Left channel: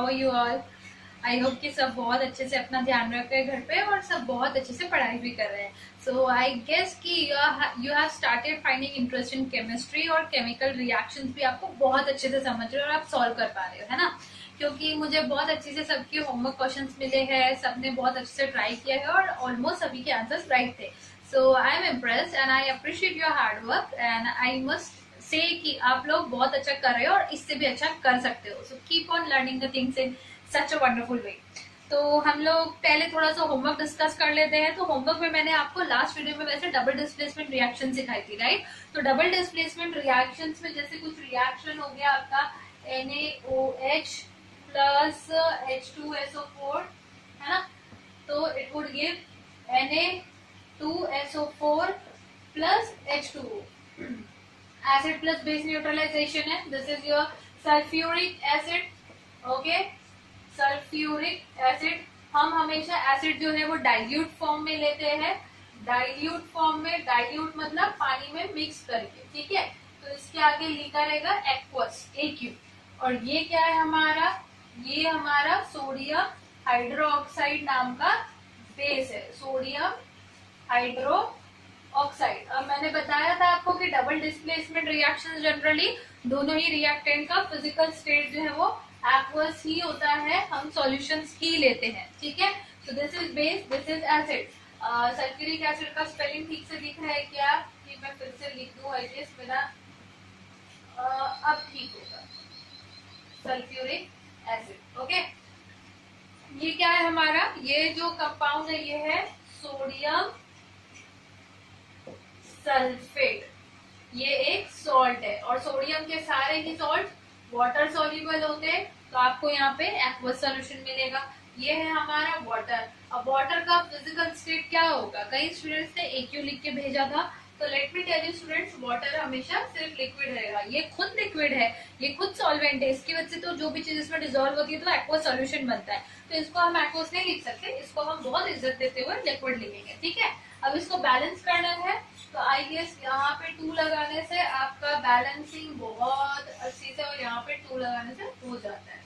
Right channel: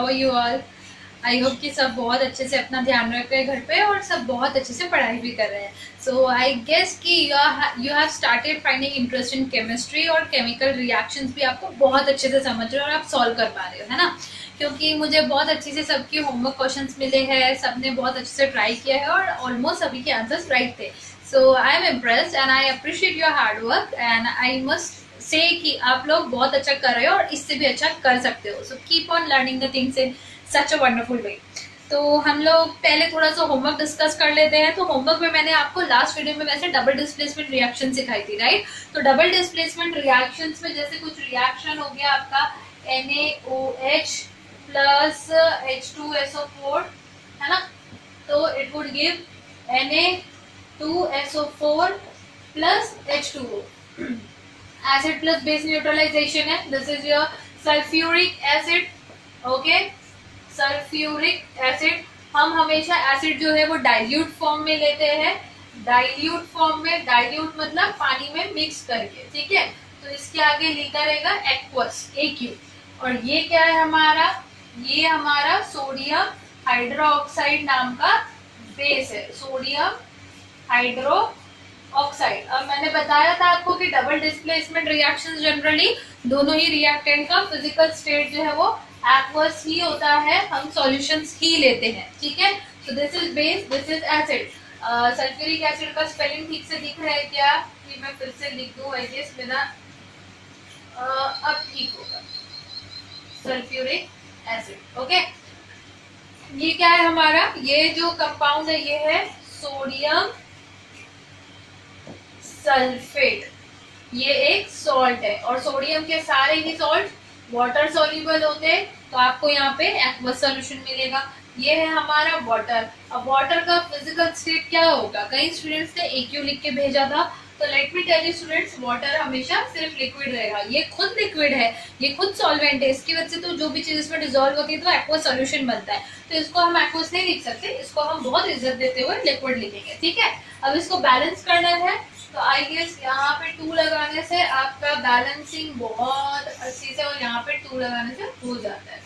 How are you all? I hope कि सब बहुत अच्छे से अपना ध्यान रख रहे हैं घर पे और सब बहुत अच्छे से पढ़ाई भी कर रहे हैं. सो आई गेस कि you have started finding interest in chemistry और केमिकल रिएक्शंस भी आपको बहुत अच्छे से समझ रहे हो और आप सॉल्व कर पा रहे हो, है ना? क्योंकि मुझे बहुत अच्छे से सबके होमवर्क क्वेश्चंस मिले हैं, सबने बहुत अच्छे से ट्राई किया है और ऑलमोस्ट सभी के आंसर्स राइट थे. So I am impressed and I appreciate your hard work and I must say कि आप लोग बहुत अच्छा कर रहे हो और इससे भी अच्छा कर सकते हो. So keep on learning the things in such a wonderful वे. तो हम लोग पहले थोड़ा सा होमवर्क डिस्कस कर लेते हैं. तो होमवर्क में मैंने आपको लास्ट वीडियो में वैसे डबल डिस्प्लेसमेंट रिएक्शन सिखाई थी, राइट? तो डबल डिस्प्लेसमेंट रिएक्शंस में जैसे कुछ रिएक्शन हो गया आपका NaOH प्लस H2SO4, है ना? तो it would give Na2SO4 plus H2O. Acid plus base neutralisation है. This is your sulphuric acid. Okay, sulphuric acid. हम हमेशा एसिड जो है वो डाइल्यूट फॉर्म में लेते हैं. डाइल्यूट फॉर्म में, डाइल्यूट मतलब पानी में मिक्स करके, ठीक है? तो इसके आगे लिखा रहेगा एक्वस, AQ. और ये क्या है हमारा? ये हमारा सोडियम हाइड्रोक्साइड नाम का बेस है. Sodium hydro oxide. अब मैंने बताया था आपको कि डबल डिस्प्लेसमेंट रिएक्शंस जनरली दोनों ही रिएक्टेंट का फिजिकल स्टेट जो है वो एक्वस ही होता है. हम सॉल्यूशंस ही लेते हैं, ठीक है? So this is base, this is acid. Sulphuric acid का स्पेलिंग ठीक से दिख रहा है क्या? कि मैं फिर से लिख दूं, आई गेस बिना अब ठीक होगा. Sulphuric acid. ओके, ये क्या है हमारा? ये जो कंपाउंड है ये है सोडियम सल्फेट. ये एक सॉल्ट है और सोडियम के सारे ही सॉल्ट वाटर सॉल्युबल होते हैं. तो आपको यहाँ पे एक्वस सॉल्यूशन मिलेगा. ये है हमारा वाटर. अब वाटर का फिजिकल स्टेट क्या होगा? कई स्टूडेंट्स ने AQ लिख के भेजा था. तो let me tell you students, water हमेशा सिर्फ लिक्विड रहेगा. ये खुद लिक्विड है, ये खुद सॉल्वेंट है. इसकी वजह से तो जो भी चीज इसमें डिसॉल्व होती है तो एक्वस सॉल्यूशन बनता है. तो इसको हम एक्वस नहीं लिख सकते, इसको हम बहुत इज्जत देते हुए लिक्विड लिखेंगे, ठीक है? अब इसको बैलेंस करना है तो आई गेस यहाँ पे 2 लगाने से आपका बैलेंसिंग बहुत अच्छी से, और यहाँ पे 2 लगाने से हो जाता है.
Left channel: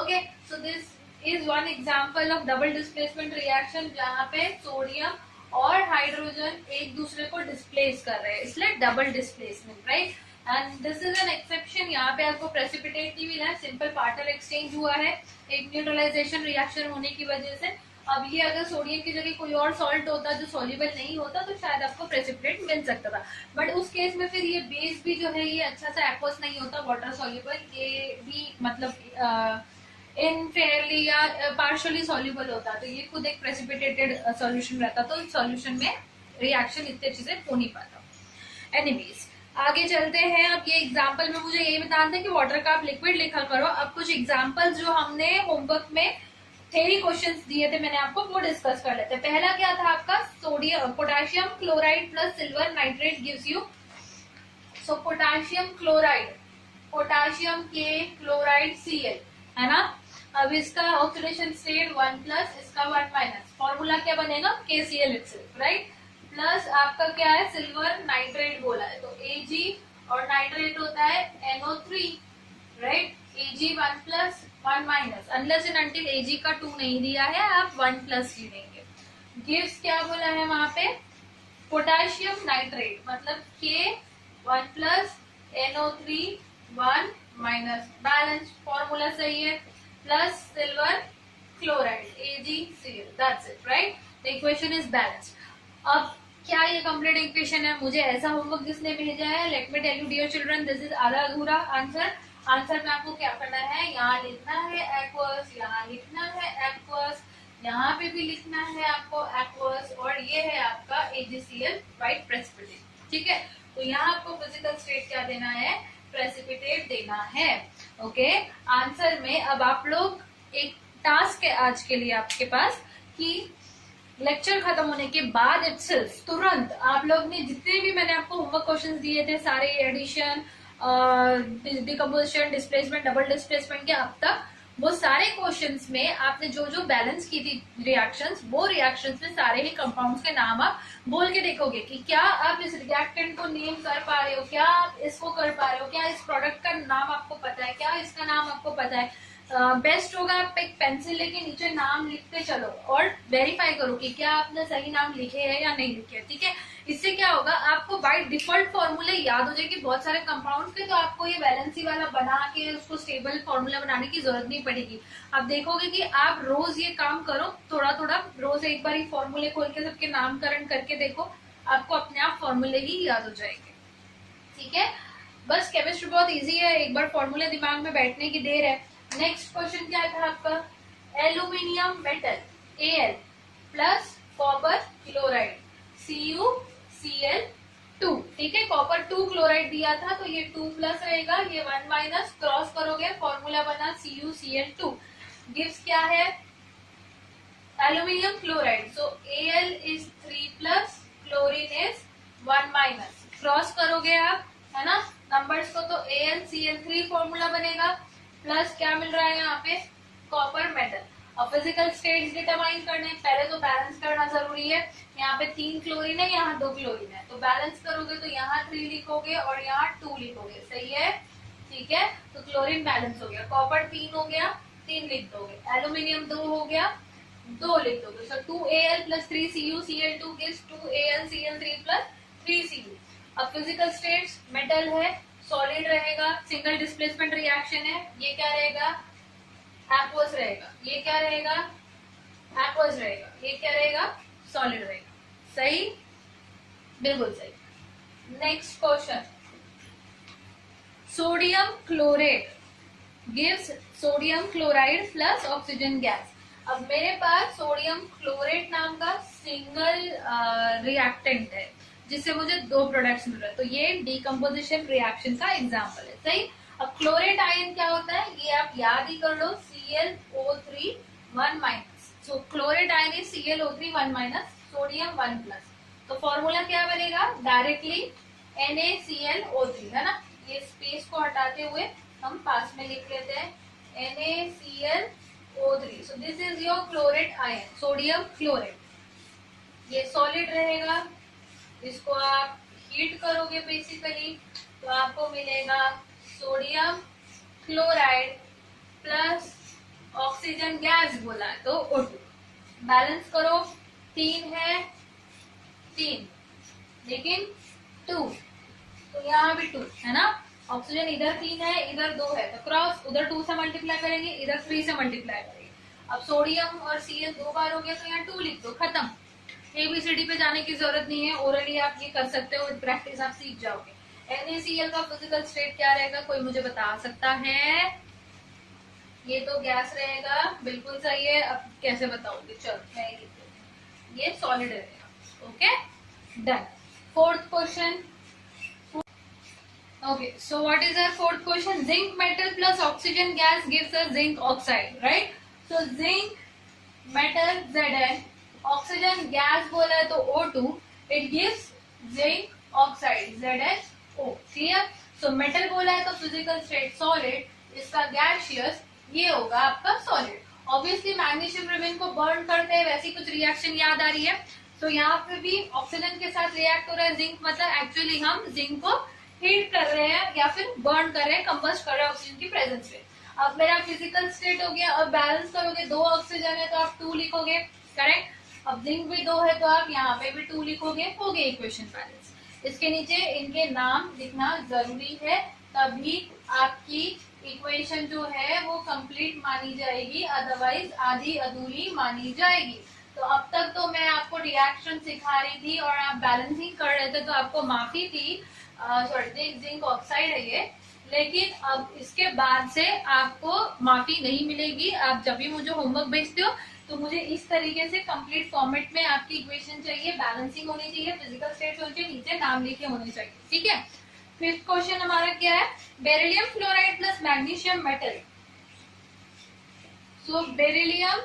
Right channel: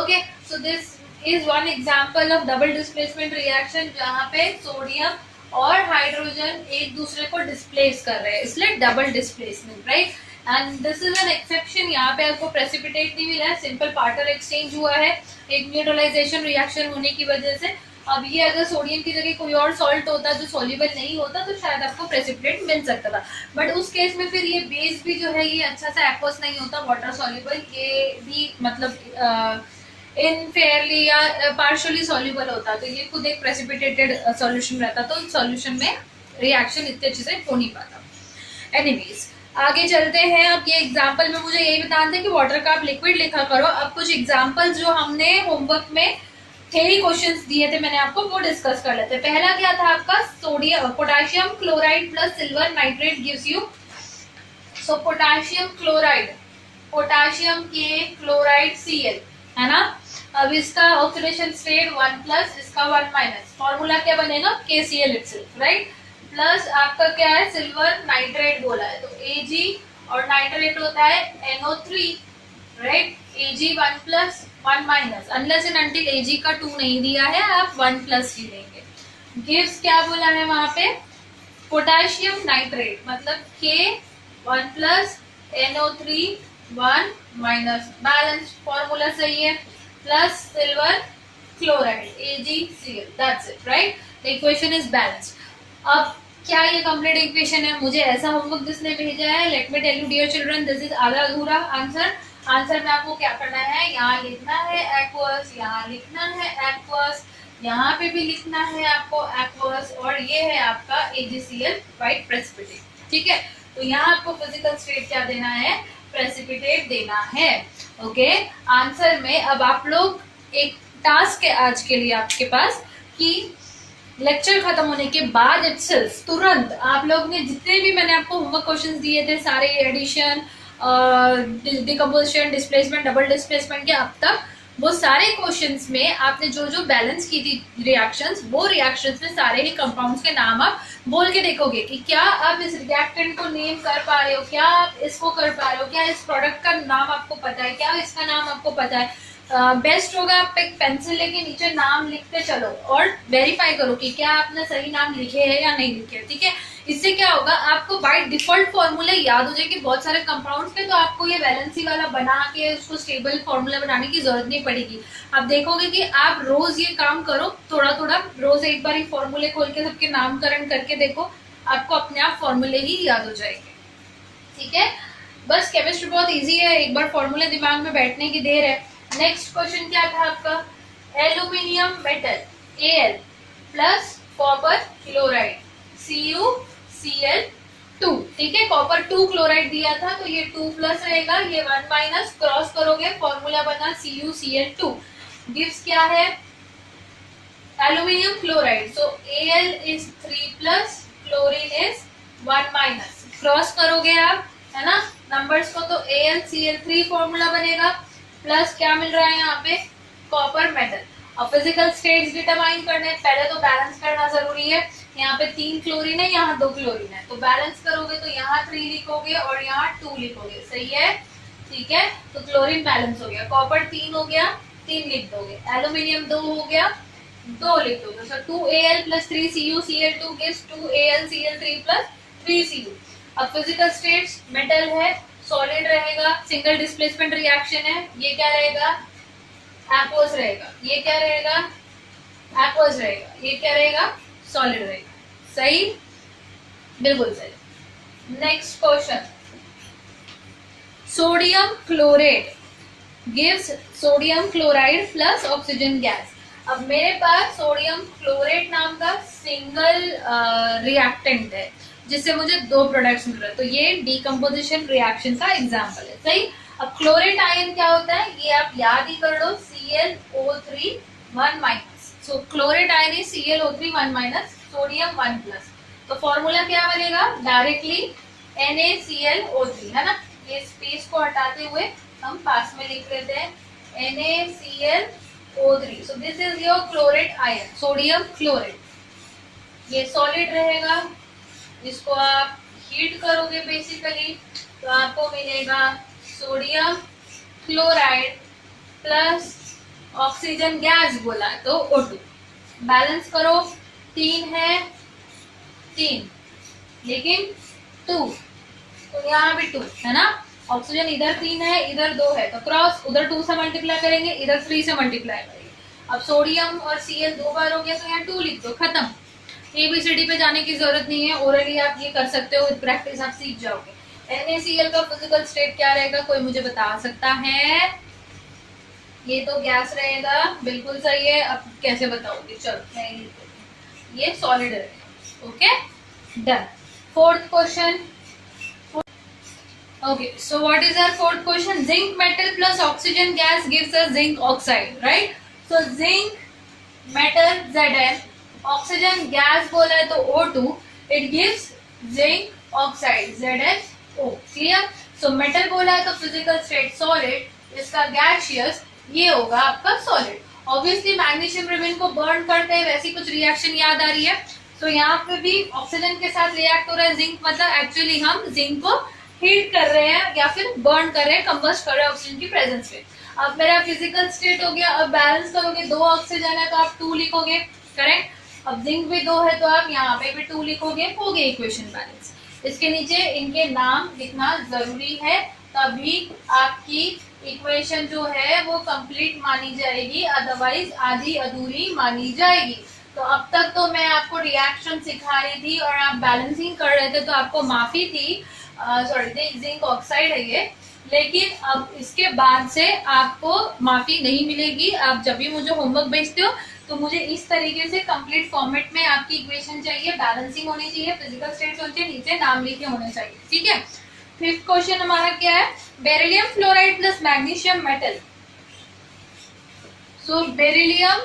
Okay, so this is one example of double displacement reaction जहाँ पे सोडियम और हाइड्रोजन एक दूसरे को डिस्प्लेस कर रहे हैं, इसलिए double displacement, right? And this is an exception. यहाँ पे आपको प्रेसिपिटेट नहीं मिला है, सिंपल पार्टल एक्सचेंज हुआ है एक न्यूट्रलाइजेशन रिएक्शन होने की वजह से. अब ये अगर सोडियम की जगह कोई और सॉल्ट होता जो सॉल्युबल नहीं होता तो शायद आपको प्रेसिपिटेट मिल सकता था. बट उस केस में फिर ये बेस भी जो है ये अच्छा सा एक्वस नहीं होता, वाटर सॉल्युबल. ये भी मतलब इनफेयरली या पार्शियली सॉल्युबल होता, तो ये खुद एक प्रेसिपिटेटेड सॉल्यूशन रहता, तो सॉल्यूशन में रिएक्शन इतने अच्छे से हो नहीं पाता. एनीवेज, आगे चलते हैं. अब ये एग्जांपल में मुझे यही बताना था कि वाटर का आप लिक्विड लिखा करो. अब कुछ एग्जांपल्स जो हमने होमवर्क में थ्योरी क्वेश्चंस दिए थे मैंने आपको, वो डिस्कस कर लेते हैं. पहला क्या था आपका? Sodium potassium chloride plus silver nitrate gives you. So potassium chloride, potassium के क्लोराइड Cl, है ना? अब इसका ऑक्सीडेशन स्टेट 1 प्लस, इसका 1 माइनस. फॉर्मूला क्या बनेगा? KCl itself, right? प्लस आपका क्या है? सिल्वर नाइट्रेट बोला है तो Ag, और नाइट्रेट होता है NO3, right? Ag 1 plus 1 minus. Unless and until Ag का 2 नहीं दिया है, आप 1 प्लस ही लेंगे. गिव्स क्या बोला है वहां पे? पोटेशियम नाइट्रेट मतलब K 1 plus NO3 1 minus. Balance formula सही है. Plus silver chloride AgCl, that's it, right? The equation is balanced. अब क्या ये कंप्लीट इक्वेशन है? मुझे ऐसा होमवर्क जिसने भेजा है, let me tell you dear children, this is आधा अधूरा आंसर. आंसर में आपको क्या करना है? यहाँ लिखना है एक्वस, यहाँ लिखना है एक्वस, यहाँ पे भी लिखना है आपको एक्वस, और ये है आपका AgCl व्हाइट प्रेसिपिटेट, ठीक है? तो यहाँ आपको फिजिकल स्टेट क्या देना है? प्रेसिपिटेट देना है. ओके, आंसर में अब आप लोग एक टास्क है आज के लिए आपके पास कि लेक्चर खत्म होने के बाद इटसेल्फ तुरंत आप लोग ने जितने भी मैंने आपको होमवर्क क्वेश्चंस दिए थे सारे, addition, decomposition, displacement, double displacement के अब तक, वो सारे क्वेश्चंस में आपने जो जो बैलेंस की थी रिएक्शंस, वो रिएक्शंस में सारे ही कंपाउंड्स के नाम आप बोल के देखोगे कि क्या आप इस रिएक्टेंट को नेम कर पा रहे हो, क्या आप इसको कर पा रहे हो, क्या इस प्रोडक्ट का नाम आपको पता है, क्या इसका नाम आपको पता है. बेस्ट होगा आप एक पेंसिल लेके नीचे नाम लिखते चलो और वेरीफाई करो कि क्या आपने सही नाम लिखे हैं या नहीं लिखे, ठीक है। इससे क्या होगा, आपको बाय डिफॉल्ट फॉर्मूले याद हो जाएगी बहुत सारे कंपाउंड्स के, तो आपको ये वैलेंसी वाला बना के उसको स्टेबल फॉर्मूला बनाने की जरूरत नहीं पड़ेगी। आप देखोगे कि आप रोज ये काम करो, थोड़ा थोड़ा रोज एक बार ही फॉर्मूले खोल के सबके नामकरण करके देखो, आपको अपने आप फॉर्मूले ही याद हो जाएंगे, ठीक है। बस केमिस्ट्री बहुत इजी है, एक बार फॉर्मूले दिमाग में बैठने की देर है। नेक्स्ट क्वेश्चन क्या था आपका, aluminium metal Al plus copper chloride CuCl2, ठीक है। कॉपर 2 क्लोराइड दिया था तो ये 2 प्लस रहेगा, ये 1 माइनस, क्रॉस करोगे फॉर्मूला बना CuCl2, गिव्स क्या है aluminium chloride, so Al is 3 plus, chlorine is 1 minus, cross करोगे आप, है ना, नंबर्स को, तो AlCl3 फॉर्मूला बनेगा, प्लस क्या मिल रहा है यहाँ पे कॉपर मेटल। अब फिजिकल स्टेट्स डिटरमाइन करने, पहले तो बैलेंस करना जरूरी है। यहाँ पे 3 क्लोरीन है, यहाँ 2 क्लोरीन है, तो बैलेंस करोगे तो यहाँ 3 लिखोगे और यहाँ 2 लिखोगे, सही है, ठीक है। तो क्लोरीन बैलेंस हो गया, कॉपर 3 हो गया, 3 लिख दोगे, एल्यूमिनियम 2 हो गया, 2 लिख दोगे, सो 2Al plus 3CuCl2 gives 2AlCl3 plus 3Cu। अब फिजिकल स्टेट्स, मेटल है, सॉलिड रहेगा, सिंगल डिस्प्लेसमेंट रिएक्शन है, ये क्या रहेगा एक्वस रहेगा, ये क्या रहेगा एक्वस रहेगा, ये क्या रहेगा सॉलिड रहेगा, सही, बिल्कुल सही। Next question, sodium chlorate gives sodium chloride plus oxygen gas. अब मेरे पास सोडियम क्लोरेट नाम का सिंगल रिएक्टेंट है जिससे मुझे 2 प्रोडक्ट्स मिल रहे हैं, तो ये डीकम्पोजिशन रिएक्शन का एग्जांपल है, सही। अब क्लोरेट आयन क्या होता है ये आप याद ही कर लो, ClO3 1 minus, so chlorate ion is ClO3 1 minus, sodium 1 plus, तो फॉर्मूला क्या बनेगा डायरेक्टली NaClO3, है ना, ये स्पेस को हटाते हुए हम पास में लिख लेते हैं NaClO3, so this is your chlorate ion, sodium chlorate, ये सॉलिड रहेगा, इसको आप हीट करोगे बेसिकली तो आपको मिलेगा sodium chloride plus oxygen gas बोला तो O2, बैलेंस करो, 3 है 3 लेकिन 2, तो यहाँ भी 2 है ना, ऑक्सीजन इधर 3 है इधर 2 है, तो क्रॉस, उधर 2 से मल्टीप्लाई करेंगे इधर 3 से मल्टीप्लाई करेंगे। अब सोडियम और Cl 2 बार हो गया तो यहाँ 2 लिख दो, खत्म, ABCD पे जाने की जरूरत नहीं है, ओरली आप ये कर सकते हो, विद प्रैक्टिस आप सीख जाओगे। NaCl का फिजिकल स्टेट क्या रहेगा, कोई मुझे बता सकता है, ये तो गैस रहेगा, बिल्कुल सही है, अब कैसे बताओगे, चलो मैं लिख देती हूँ, ये सॉलिड रहेगा, okay done. Fourth question, okay so what is our fourth question, zinc metal plus oxygen gas gives us zinc oxide, right, so zinc metal Zn, oxygen gas बोला है तो O2, it gives zinc oxide ZnO, clear. So metal बोला है तो physical state solid, इसका gaseous, ये होगा आपका सॉलिड। ऑब्वियसली मैग्नीशियम रिबन को बर्न करते हैं, वैसी कुछ रिएक्शन याद आ रही है, तो यहाँ पे भी ऑक्सीजन के साथ रिएक्ट हो रहा है जिंक, मतलब एक्चुअली हम जिंक को हीट कर रहे हैं या फिर बर्न कर रहे हैं, कंबस्ट कर रहे हैं ऑक्सीजन की प्रेजेंस में। अब मेरा फिजिकल स्टेट हो गया, अब बैलेंस करोगे, 2 ऑक्सीजन है तो आप 2 लिखोगे, करेक्ट, अब जिंक भी 2 है तो आप यहाँ पे भी 2 लिखोगे, हो गया इक्वेशन बैलेंस। इसके नीचे इनके नाम लिखना जरूरी है, तभी आपकी इक्वेशन जो है वो कंप्लीट मानी जाएगी, अदरवाइज आधी अधूरी मानी जाएगी। तो अब तक तो मैं आपको रिएक्शन सिखा रही थी और आप बैलेंसिंग कर रहे थे, तो आपको माफी थी, सॉरी जिंक ऑक्साइड है ये, लेकिन अब इसके बाद से आपको माफी नहीं मिलेगी। आप जब भी मुझे होमवर्क भेजते हो तो मुझे इस तरीके से कंप्लीट फॉर्मेट में आपकी इक्वेशन चाहिए, बैलेंसिंग होनी चाहिए, फिजिकल स्टेट्स होने चाहिए, नीचे नाम लिखे होने चाहिए, ठीक है। फिफ्थ क्वेश्चन हमारा क्या है, beryllium fluoride plus magnesium metal, so beryllium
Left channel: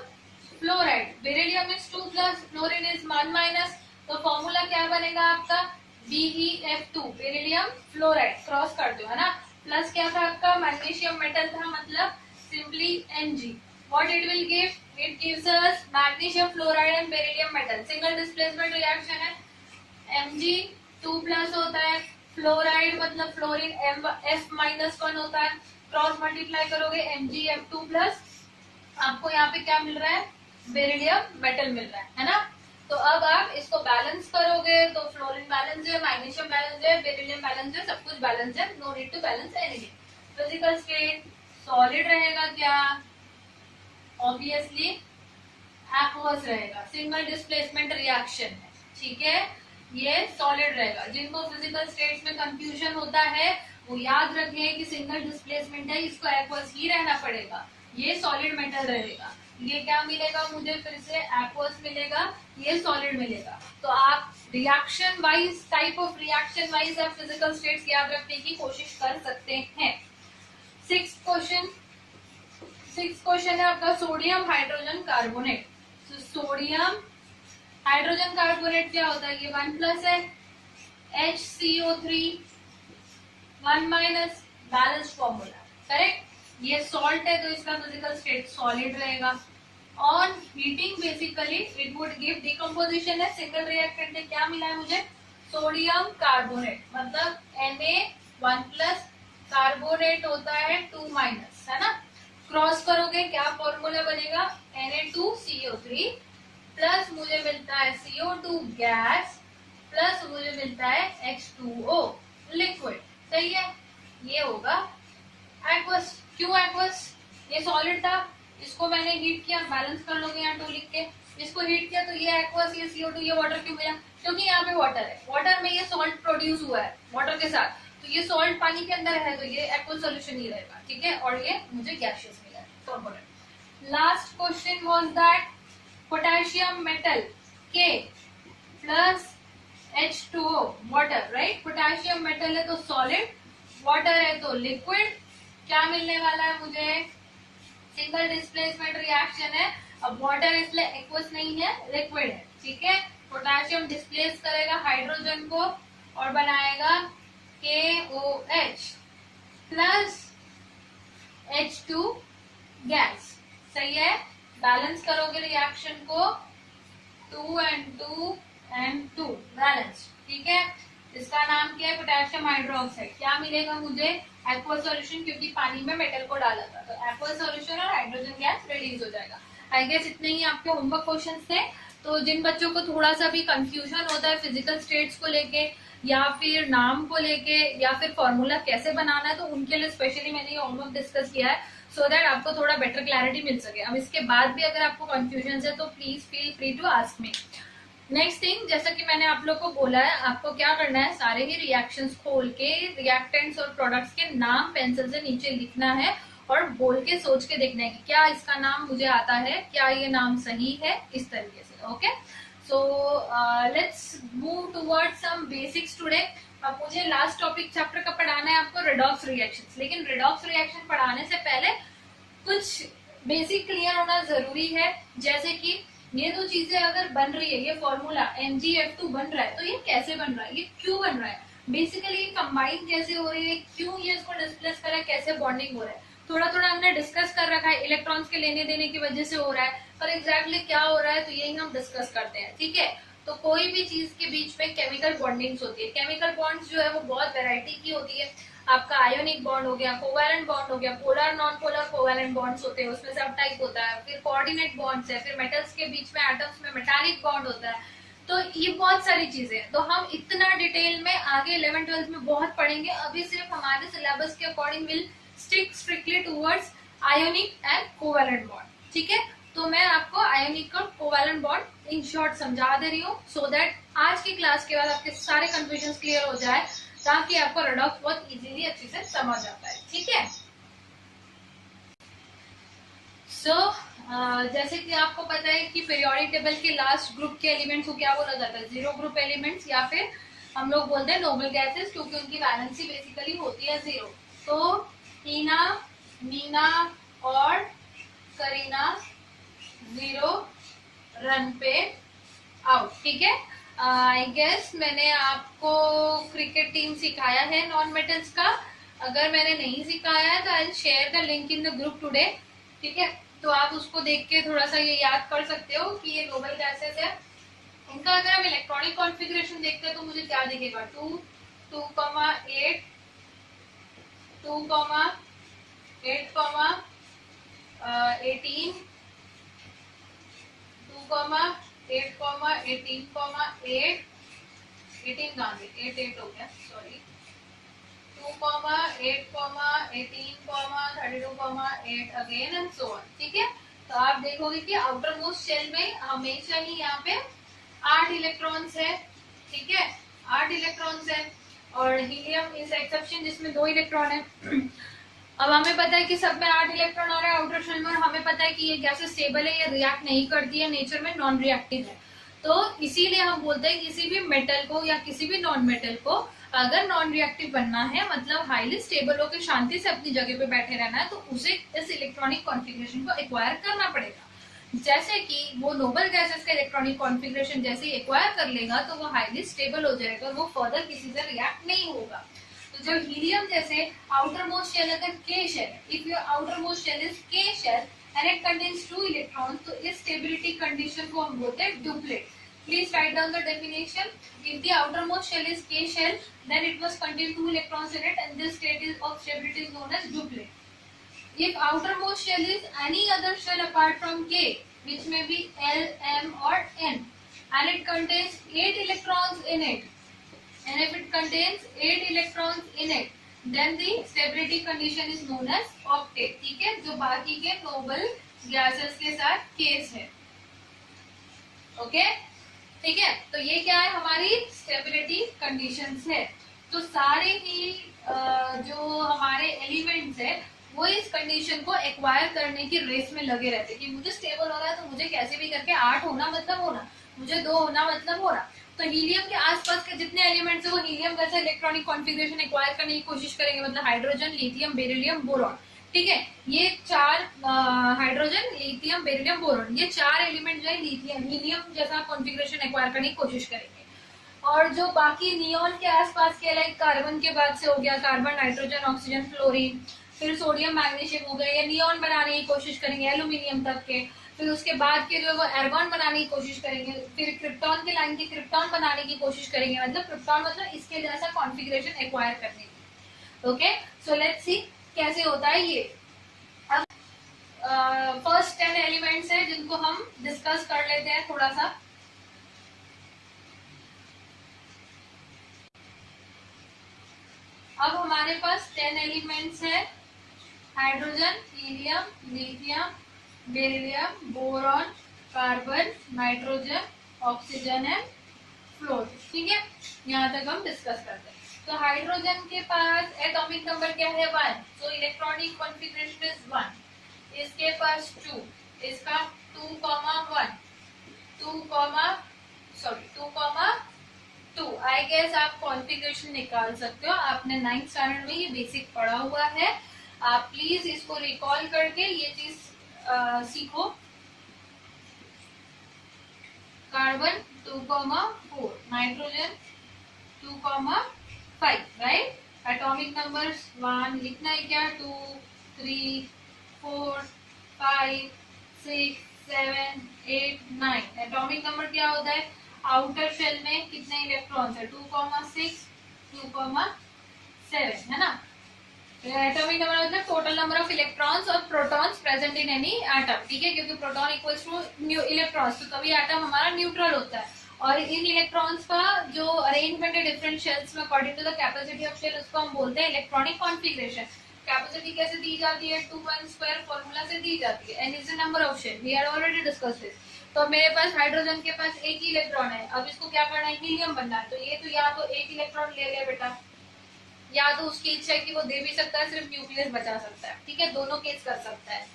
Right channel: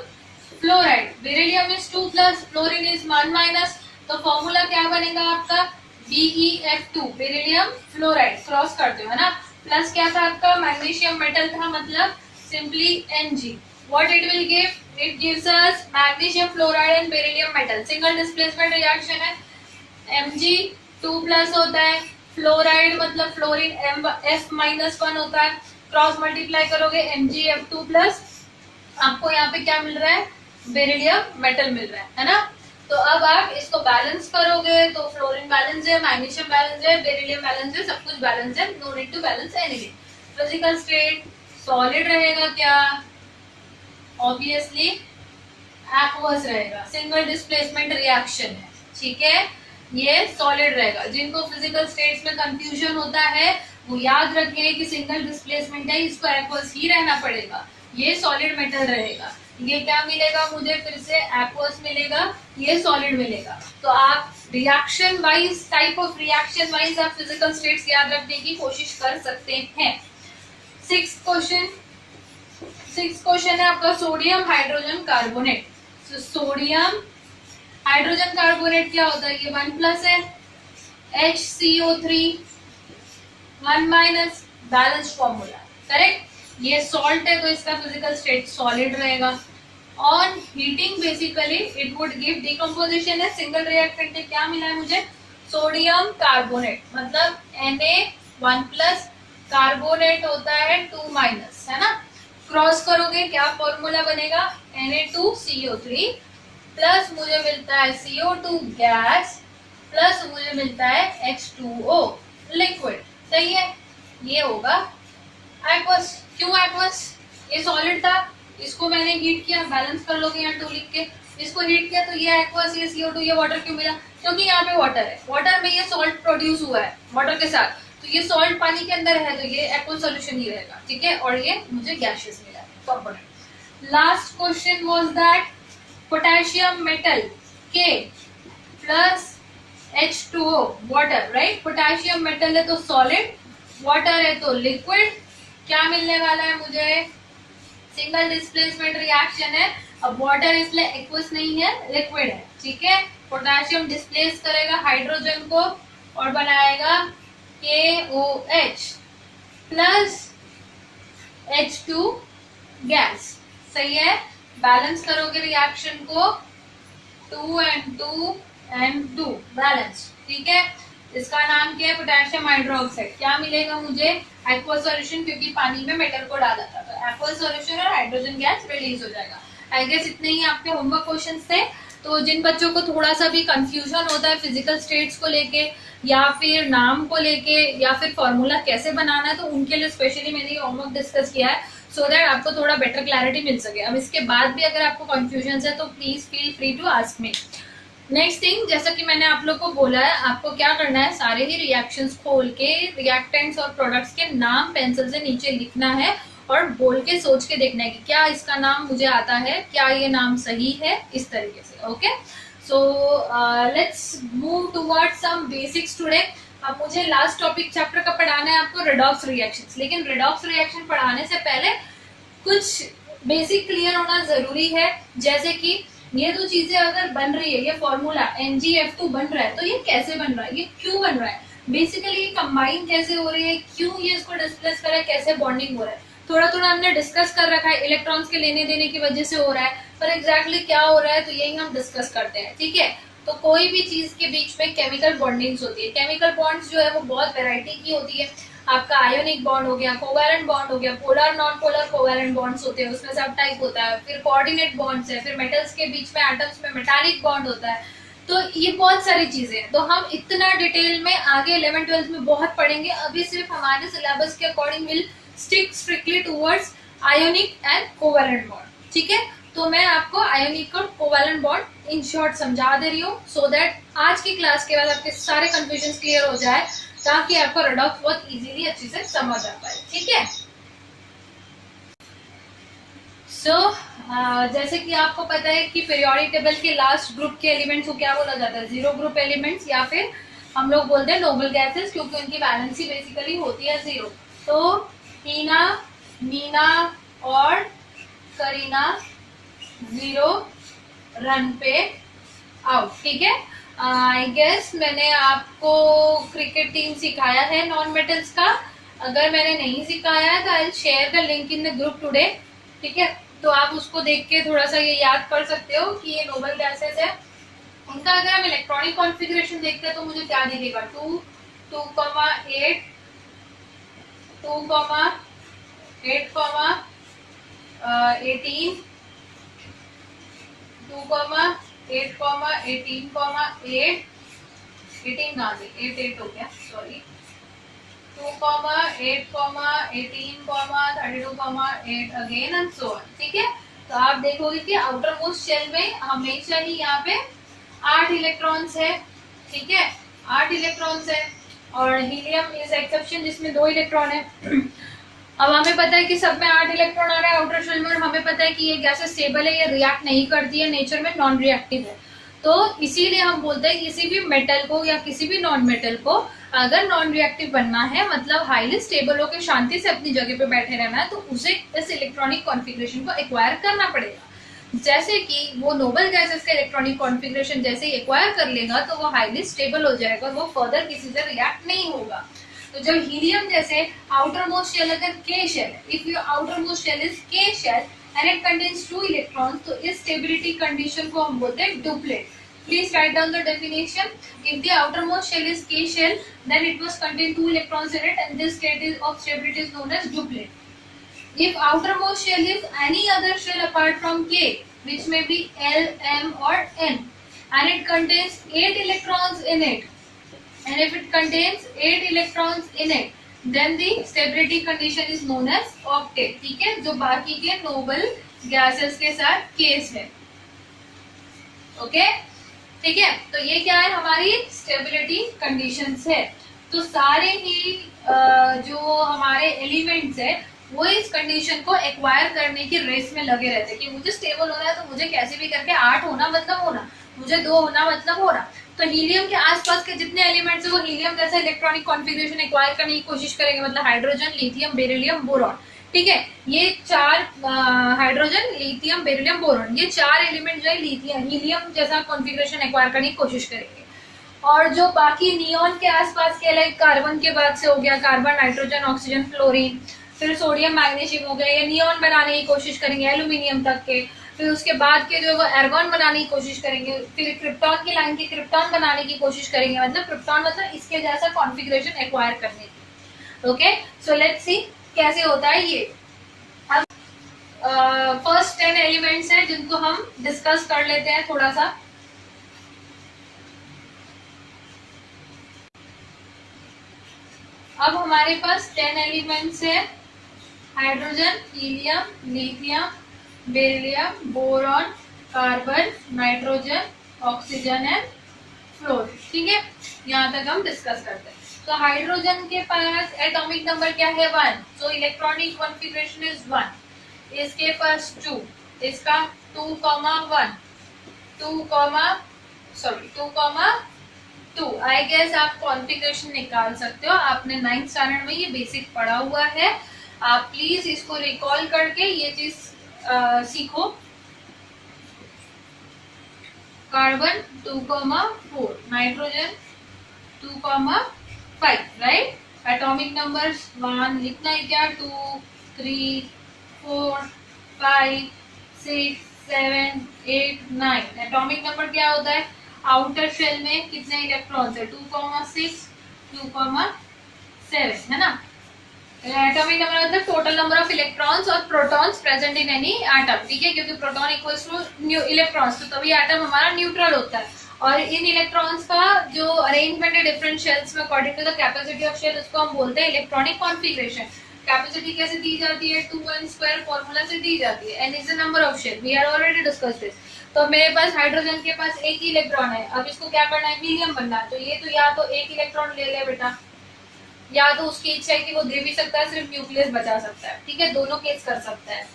fluoride, beryllium is 2 plus, fluorine is 1 minus, तो फॉर्मूला क्या बनेगा आपका BeF2, बेरिलियम फ्लोराइड, क्रॉस कर दो, है ना, प्लस क्या था आपका मैग्नीशियम मेटल था, मतलब simply Mg, what it will give, it gives us magnesium fluoride and beryllium metal, single displacement reaction है, Mg 2 प्लस होता है, फ्लोराइड मतलब फ्लोरीन F-1 होता है, क्रॉस मल्टीप्लाई करोगे MgF2 प्लस आपको यहाँ पे क्या मिल रहा है, बेरिलियम मेटल मिल रहा है ना। तो अब आप इसको बैलेंस करोगे तो फ्लोरीन बैलेंस है, मैग्नीशियम बैलेंस है, बेरिलियम बैलेंस है, सब कुछ बैलेंस है, no need to balance anything. Physical state solid रहेगा क्या, ऑब्वियसली एक्वस रहेगा, सिंगल डिस्प्लेसमेंट रिएक्शन है, ठीक है, ये सॉलिड रहेगा। जिनको फिजिकल स्टेट्स में कंफ्यूजन होता है वो याद रखें कि सिंगल डिस्प्लेसमेंट है, इसको एक्वस ही रहना पड़ेगा, ये सॉलिड मेटल रहेगा। ये क्या मिलेगा मुझे, फिर से एक्वस मिलेगा, ये सॉलिड मिलेगा। तो आप reaction wise, type of reaction wise आप फिजिकल स्टेट्स याद रखने की कोशिश कर सकते हैं। सिक्स्थ क्वेश्चन है आपका sodium hydrogen carbonate. Sodium hydrogen carbonate क्या होता है, ये 1 प्लस है, HCO3 1 minus, balance formula, correct. ये सॉल्ट है तो इसका फिजिकल स्टेट सॉलिड रहेगा। On heating basically it would give decomposition है, सिंगल रिएक्टेंट में क्या मिला है मुझे, सोडियम कार्बोनेट, मतलब Na1 प्लस, कार्बोनेट होता है 2 माइनस, है ना। क्रॉस करोगे क्या फॉर्मूला बनेगा, Na2CO3 प्लस मुझे मिलता है CO2 गैस प्लस मुझे मिलता है H2O लिक्विड, सही है। ये होगा एक्वस। क्यों एक्वस, ये सॉलिड था, इसको मैंने हीट किया, बैलेंस कर लोगे यहाँ 2 लिख के, इसको हीट किया तो ये एक्वस, ये CO2, ये वाटर क्यों मिला, क्योंकि यहाँ पे वाटर है, वाटर में ये सॉल्ट प्रोड्यूस हुआ है वाटर के साथ, तो ये सॉल्ट पानी के अंदर है तो ये एक्वस सॉल्यूशन ही रहेगा, ठीक है। और ये मुझे गैसियस मिला है component. Last question was that potassium metal K plus H2O water, right. Potassium metal है तो सॉलिड, वाटर है तो लिक्विड, क्या मिलने वाला है मुझे, सिंगल डिस्प्लेसमेंट रिएक्शन है। अब वाटर इसलिए एक्वस नहीं है, लिक्विड है, ठीक है। पोटेशियम डिस्प्लेस करेगा हाइड्रोजन को और बनाएगा KOH प्लस H2 गैस, सही है। बैलेंस करोगे रिएक्शन को 2 and 2 and 2 बैलेंस, ठीक है। इसका नाम क्या है, पोटेशियम हाइड्रोक्साइड। क्या मिलेगा मुझे, एक्वस सॉल्यूशन, क्योंकि पानी में मेटल को डाला था तो एक्वस सॉल्यूशन और हाइड्रोजन गैस रिलीज हो जाएगा। आई गेस इतने ही आपके होमवर्क क्वेश्चंस थे। तो जिन बच्चों को थोड़ा सा भी कंफ्यूजन होता है फिजिकल स्टेट्स को लेके या फिर नाम को लेके या फिर फॉर्मूला कैसे बनाना है, तो उनके लिए स्पेशली मैंने ये होमवर्क डिस्कस किया है सो दैट आपको थोड़ा बेटर क्लैरिटी मिल सके। अब इसके बाद भी अगर आपको कंफ्यूजन है तो please feel free to ask me. Next thing, जैसा कि मैंने आप लोग को बोला है, आपको क्या करना है, सारे ही रिएक्शंस खोल के रिएक्टेंट्स और प्रोडक्ट्स के नाम पेंसिल से नीचे लिखना है और बोल के सोच के देखना है कि क्या इसका नाम मुझे आता है, क्या ये नाम सही है, इस तरीके से। Okay, so let's move towards some basics today. अब मुझे लास्ट टॉपिक चैप्टर का पढ़ाना है आपको रिडॉक्स रिएक्शंस, लेकिन रिडॉक्स रिएक्शन पढ़ाने से पहले कुछ बेसिक क्लियर होना जरूरी है। जैसे कि ये दो चीजें अगर बन रही है, ये फॉर्मूला MgF2 बन रहा है तो ये कैसे बन रहा है, ये क्यों बन रहा है, बेसिकली ये कंबाइन कैसे हो रही है, क्यों ये इसको डिस्प्लेस कर रहा है, कैसे बॉन्डिंग हो रहा है, थोड़ा थोड़ा हमने डिस्कस कर रखा है। इलेक्ट्रॉन्स के लेने देने की वजह से हो रहा है, पर एग्जैक्टली क्या हो रहा है तो यही हम डिस्कस करते हैं, ठीक है। तो कोई भी चीज के बीच में केमिकल बॉन्डिंग्स होती है। केमिकल बॉन्ड्स जो है वो बहुत वेराइटी की होती है। आपका आयोनिक बॉन्ड हो गया, कोवैलेंट बॉन्ड हो गया, polar non polar covalent bonds होते हैं, उसमें सब टाइप होता है। फिर कोऑर्डिनेट बॉन्ड्स है, फिर मेटल्स के बीच में एटम्स में मेटालिक बॉन्ड होता है। तो ये बहुत सारी चीजें हैं, तो हम इतना डिटेल में आगे 11th-12th में बहुत पढ़ेंगे। अभी सिर्फ हमारे सिलेबस के according will stick strictly towards ionic and covalent bond, ठीक है। तो मैं आपको आयोनिक और कोवैलेंट बॉन्ड इन शॉर्ट समझा दे रही हूँ सो दैट आज की क्लास के बाद आपके सारे कंफ्यूजन क्लियर हो जाए, ताकि आपको रिडॉक्स बहुत इजीली अच्छे से समझ आ पाए, ठीक है। जैसे कि आपको पता है कि पीरियोडिक टेबल के लास्ट ग्रुप के एलिमेंट्स को क्या बोला जाता है, जीरो ग्रुप एलिमेंट्स, या फिर हम लोग बोलते हैं नोबल गैसेस, क्योंकि उनकी वैलेंसी बेसिकली होती है 0। तो हीना, मीना और करीना 0 रन पे आउट, ठीक है। आई गेस मैंने आपको क्रिकेट टीम सिखाया है नॉन मेटल्स का। अगर मैंने नहीं सिखाया है तो I will share the link in the group today, ठीक है। तो आप उसको देख के थोड़ा सा ये याद कर सकते हो कि ये नोबल गैसेस है। उनका अगर हम इलेक्ट्रॉनिक कॉन्फ़िगरेशन देखते हैं तो मुझे क्या दिखेगा, 2, 2,8, 2, 18, 2, 8, 18, 8, 18 कहाँ से 8 8 हो गया, sorry, 2, 8, 18, 32, 8 again and so on. ठीक है, तो आप देखोगे कि आउटर मोस्ट शेल में हमेशा ही यहाँ पे 8 इलेक्ट्रॉन्स है। ठीक है, 8 इलेक्ट्रॉन्स है, और हीलियम इज एक्सेप्शन जिसमें 2 इलेक्ट्रॉन है। अब हमें पता है कि सब में 8 इलेक्ट्रॉन आ रहा है आउटर शेल में, और हमें पता है कि ये गैसेस स्टेबल है, ये रिएक्ट नहीं करती है, नेचर में नॉन रिएक्टिव है। तो इसीलिए हम बोलते हैं किसी भी मेटल को या किसी भी नॉन मेटल को अगर नॉन रिएक्टिव बनना है, मतलब हाईली स्टेबल होकर शांति से अपनी जगह पे बैठे रहना है, तो उसे इस इलेक्ट्रॉनिक कॉन्फ़िगरेशन को एक्वायर करना पड़ेगा। जैसे कि वो नोबल गैसेस का इलेक्ट्रॉनिक कॉन्फ़िगरेशन जैसे एक्वायर कर लेगा तो वो हाईली स्टेबल हो जाएगा और वो फर्दर किसी से रिएक्ट नहीं होगा। तो जब हीलियम जैसे आउटर मोस्ट शेल अगर के शेल है, if your outermost shell is K shell and it contains 2 electrons, तो इस स्टेबिलिटी कंडीशन को हम बोलते हैं duplet. Please write down the definition. If the outermost shell is K shell, then it must contain 2 electrons in it, and this state of stability is known as duplet. If outermost shell is any other shell apart from K, which may be L, M, or N, and it contains 8 electrons in it, and if it contains 8 electrons in it, then the stability condition is known as octet. ठीक है, जो बाकी के noble gases के साथ case है। Okay, ठीक है, तो ये क्या है, हमारी स्टेबिलिटी कंडीशंस है। तो सारे ही जो हमारे एलिमेंट्स है वो इस कंडीशन को एक्वायर करने की रेस में लगे रहते हैं कि मुझे स्टेबल होना है, तो मुझे कैसे भी करके 8 होना मतलब होना, मुझे 2 होना मतलब होना। तो हीलियम के आसपास के जितने एलिमेंट्स है वो हीलियम जैसा इलेक्ट्रॉनिक कॉन्फ़िगरेशन एक्वायर करने की कोशिश करेंगे, मतलब हाइड्रोजन, लिथियम, बेरिलियम, बोरॉन। ठीक है, ये 4 हाइड्रोजन, लिथियम, बेरिलियम, बोरॉन, ये 4 एलिमेंट जो है लिथियम हीलियम जैसा कॉन्फ़िगरेशन एक्वायर करने की कोशिश करेंगे। और जो बाकी नियॉन के आसपास के, लाइक कार्बन के बाद से हो गया कार्बन, नाइट्रोजन, ऑक्सीजन, फ्लोरीन, फिर सोडियम, मैग्नीशियम हो गया, ये नियॉन बनाने की कोशिश करेंगे एल्यूमिनियम तक के। फिर उसके बाद के जो है वो एर्गॉन बनाने की कोशिश करेंगे, फिर क्रिप्टॉन की लाइन के क्रिप्टॉन बनाने की कोशिश करेंगे, मतलब क्रिप्टॉन मतलब इसके जैसा कॉन्फ़िगरेशन एक्वायर करने की। ओके, सो लेट्स सी कैसे होता है ये। अब फर्स्ट 10 एलिमेंट्स हैं जिनको हम डिस्कस कर लेते हैं थोड़ा सा। अब हमारे पास 10 एलिमेंट्स है, hydrogen, helium, lithium, beryllium, boron, carbon, nitrogen, oxygen and fluorine. ठीक है, यहाँ तक हम डिस्कस करते हैं। तो हाइड्रोजन के पास एटॉमिक नंबर क्या है 1, सो इलेक्ट्रॉनिक कॉन्फ़िगरेशन इज 1। इसके पास 2, इसका 2, 1, 2, आई गेस आप कॉन्फ़िगरेशन निकाल सकते हो, आपने 9th स्टैंडर्ड में ये बेसिक पढ़ा हुआ है। आप प्लीज इसको रिकॉल करके ये चीज सीखो। Carbon 2, 4, nitrogen 2, 5, right. Atomic numbers 1 लिखना है क्या, 2, 3, 4, 5, 6, 7, 8, 9। एटॉमिक नंबर क्या होता है, आउटर शेल में कितने इलेक्ट्रॉन्स है, 2, 6, 2, 7, है ना। एटॉमिक नंबर मतलब टोटल नंबर ऑफ इलेक्ट्रॉन्स और protons present in any atom. ठीक है, क्योंकि प्रोटॉन इक्वल्स टू इलेक्ट्रॉन्स, तो तभी एटम हमारा न्यूट्रल होता है। और इन इलेक्ट्रॉन्स का जो अरेंजमेंट है डिफरेंट शेल्स में according to the capacity of shell, उसको हम बोलते हैं इलेक्ट्रॉनिक कॉन्फ़िगरेशन। कैपेसिटी कैसे दी जाती है, 2n² फॉर्मूला से दी जाती है। n is the number of shell, we are already discussed this. तो मेरे पास हाइड्रोजन के पास एक ही इलेक्ट्रॉन है, अब इसको क्या करना है, हीलियम बनना है। तो ये तो या तो एक इलेक्ट्रॉन ले ले बेटा, या तो उसकी इच्छा है कि वो दे भी सकता है, सिर्फ न्यूक्लियस बचा सकता है। ठीक है, दोनों केस कर सकता है।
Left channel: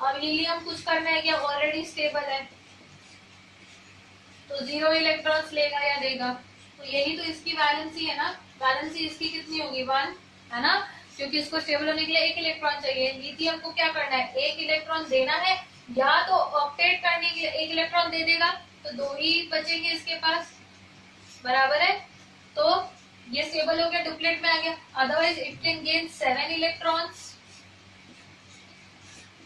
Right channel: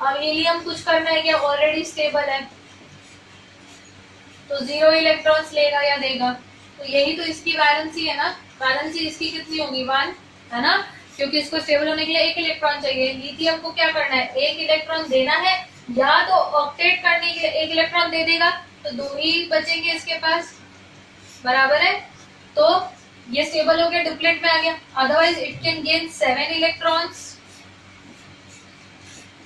अब हीलियम कुछ करना है क्या, ऑलरेडी स्टेबल है, तो 0 इलेक्ट्रॉन्स लेगा या देगा। तो यही तो इसकी वैलेंसी है ना, वैलेंसी इसकी कितनी होगी 1, है ना, क्योंकि इसको स्टेबल होने के लिए 1 इलेक्ट्रॉन चाहिए। लिथियम को क्या करना है, 1 इलेक्ट्रॉन देना है, या तो ऑक्टेट करने के लिए 1 इलेक्ट्रॉन दे देगा, तो 2 ही बचेंगे इसके पास, बराबर है। तो ये स्टेबल हो गया, डुप्लेट में आ गया। Otherwise it can gain 7 electrons,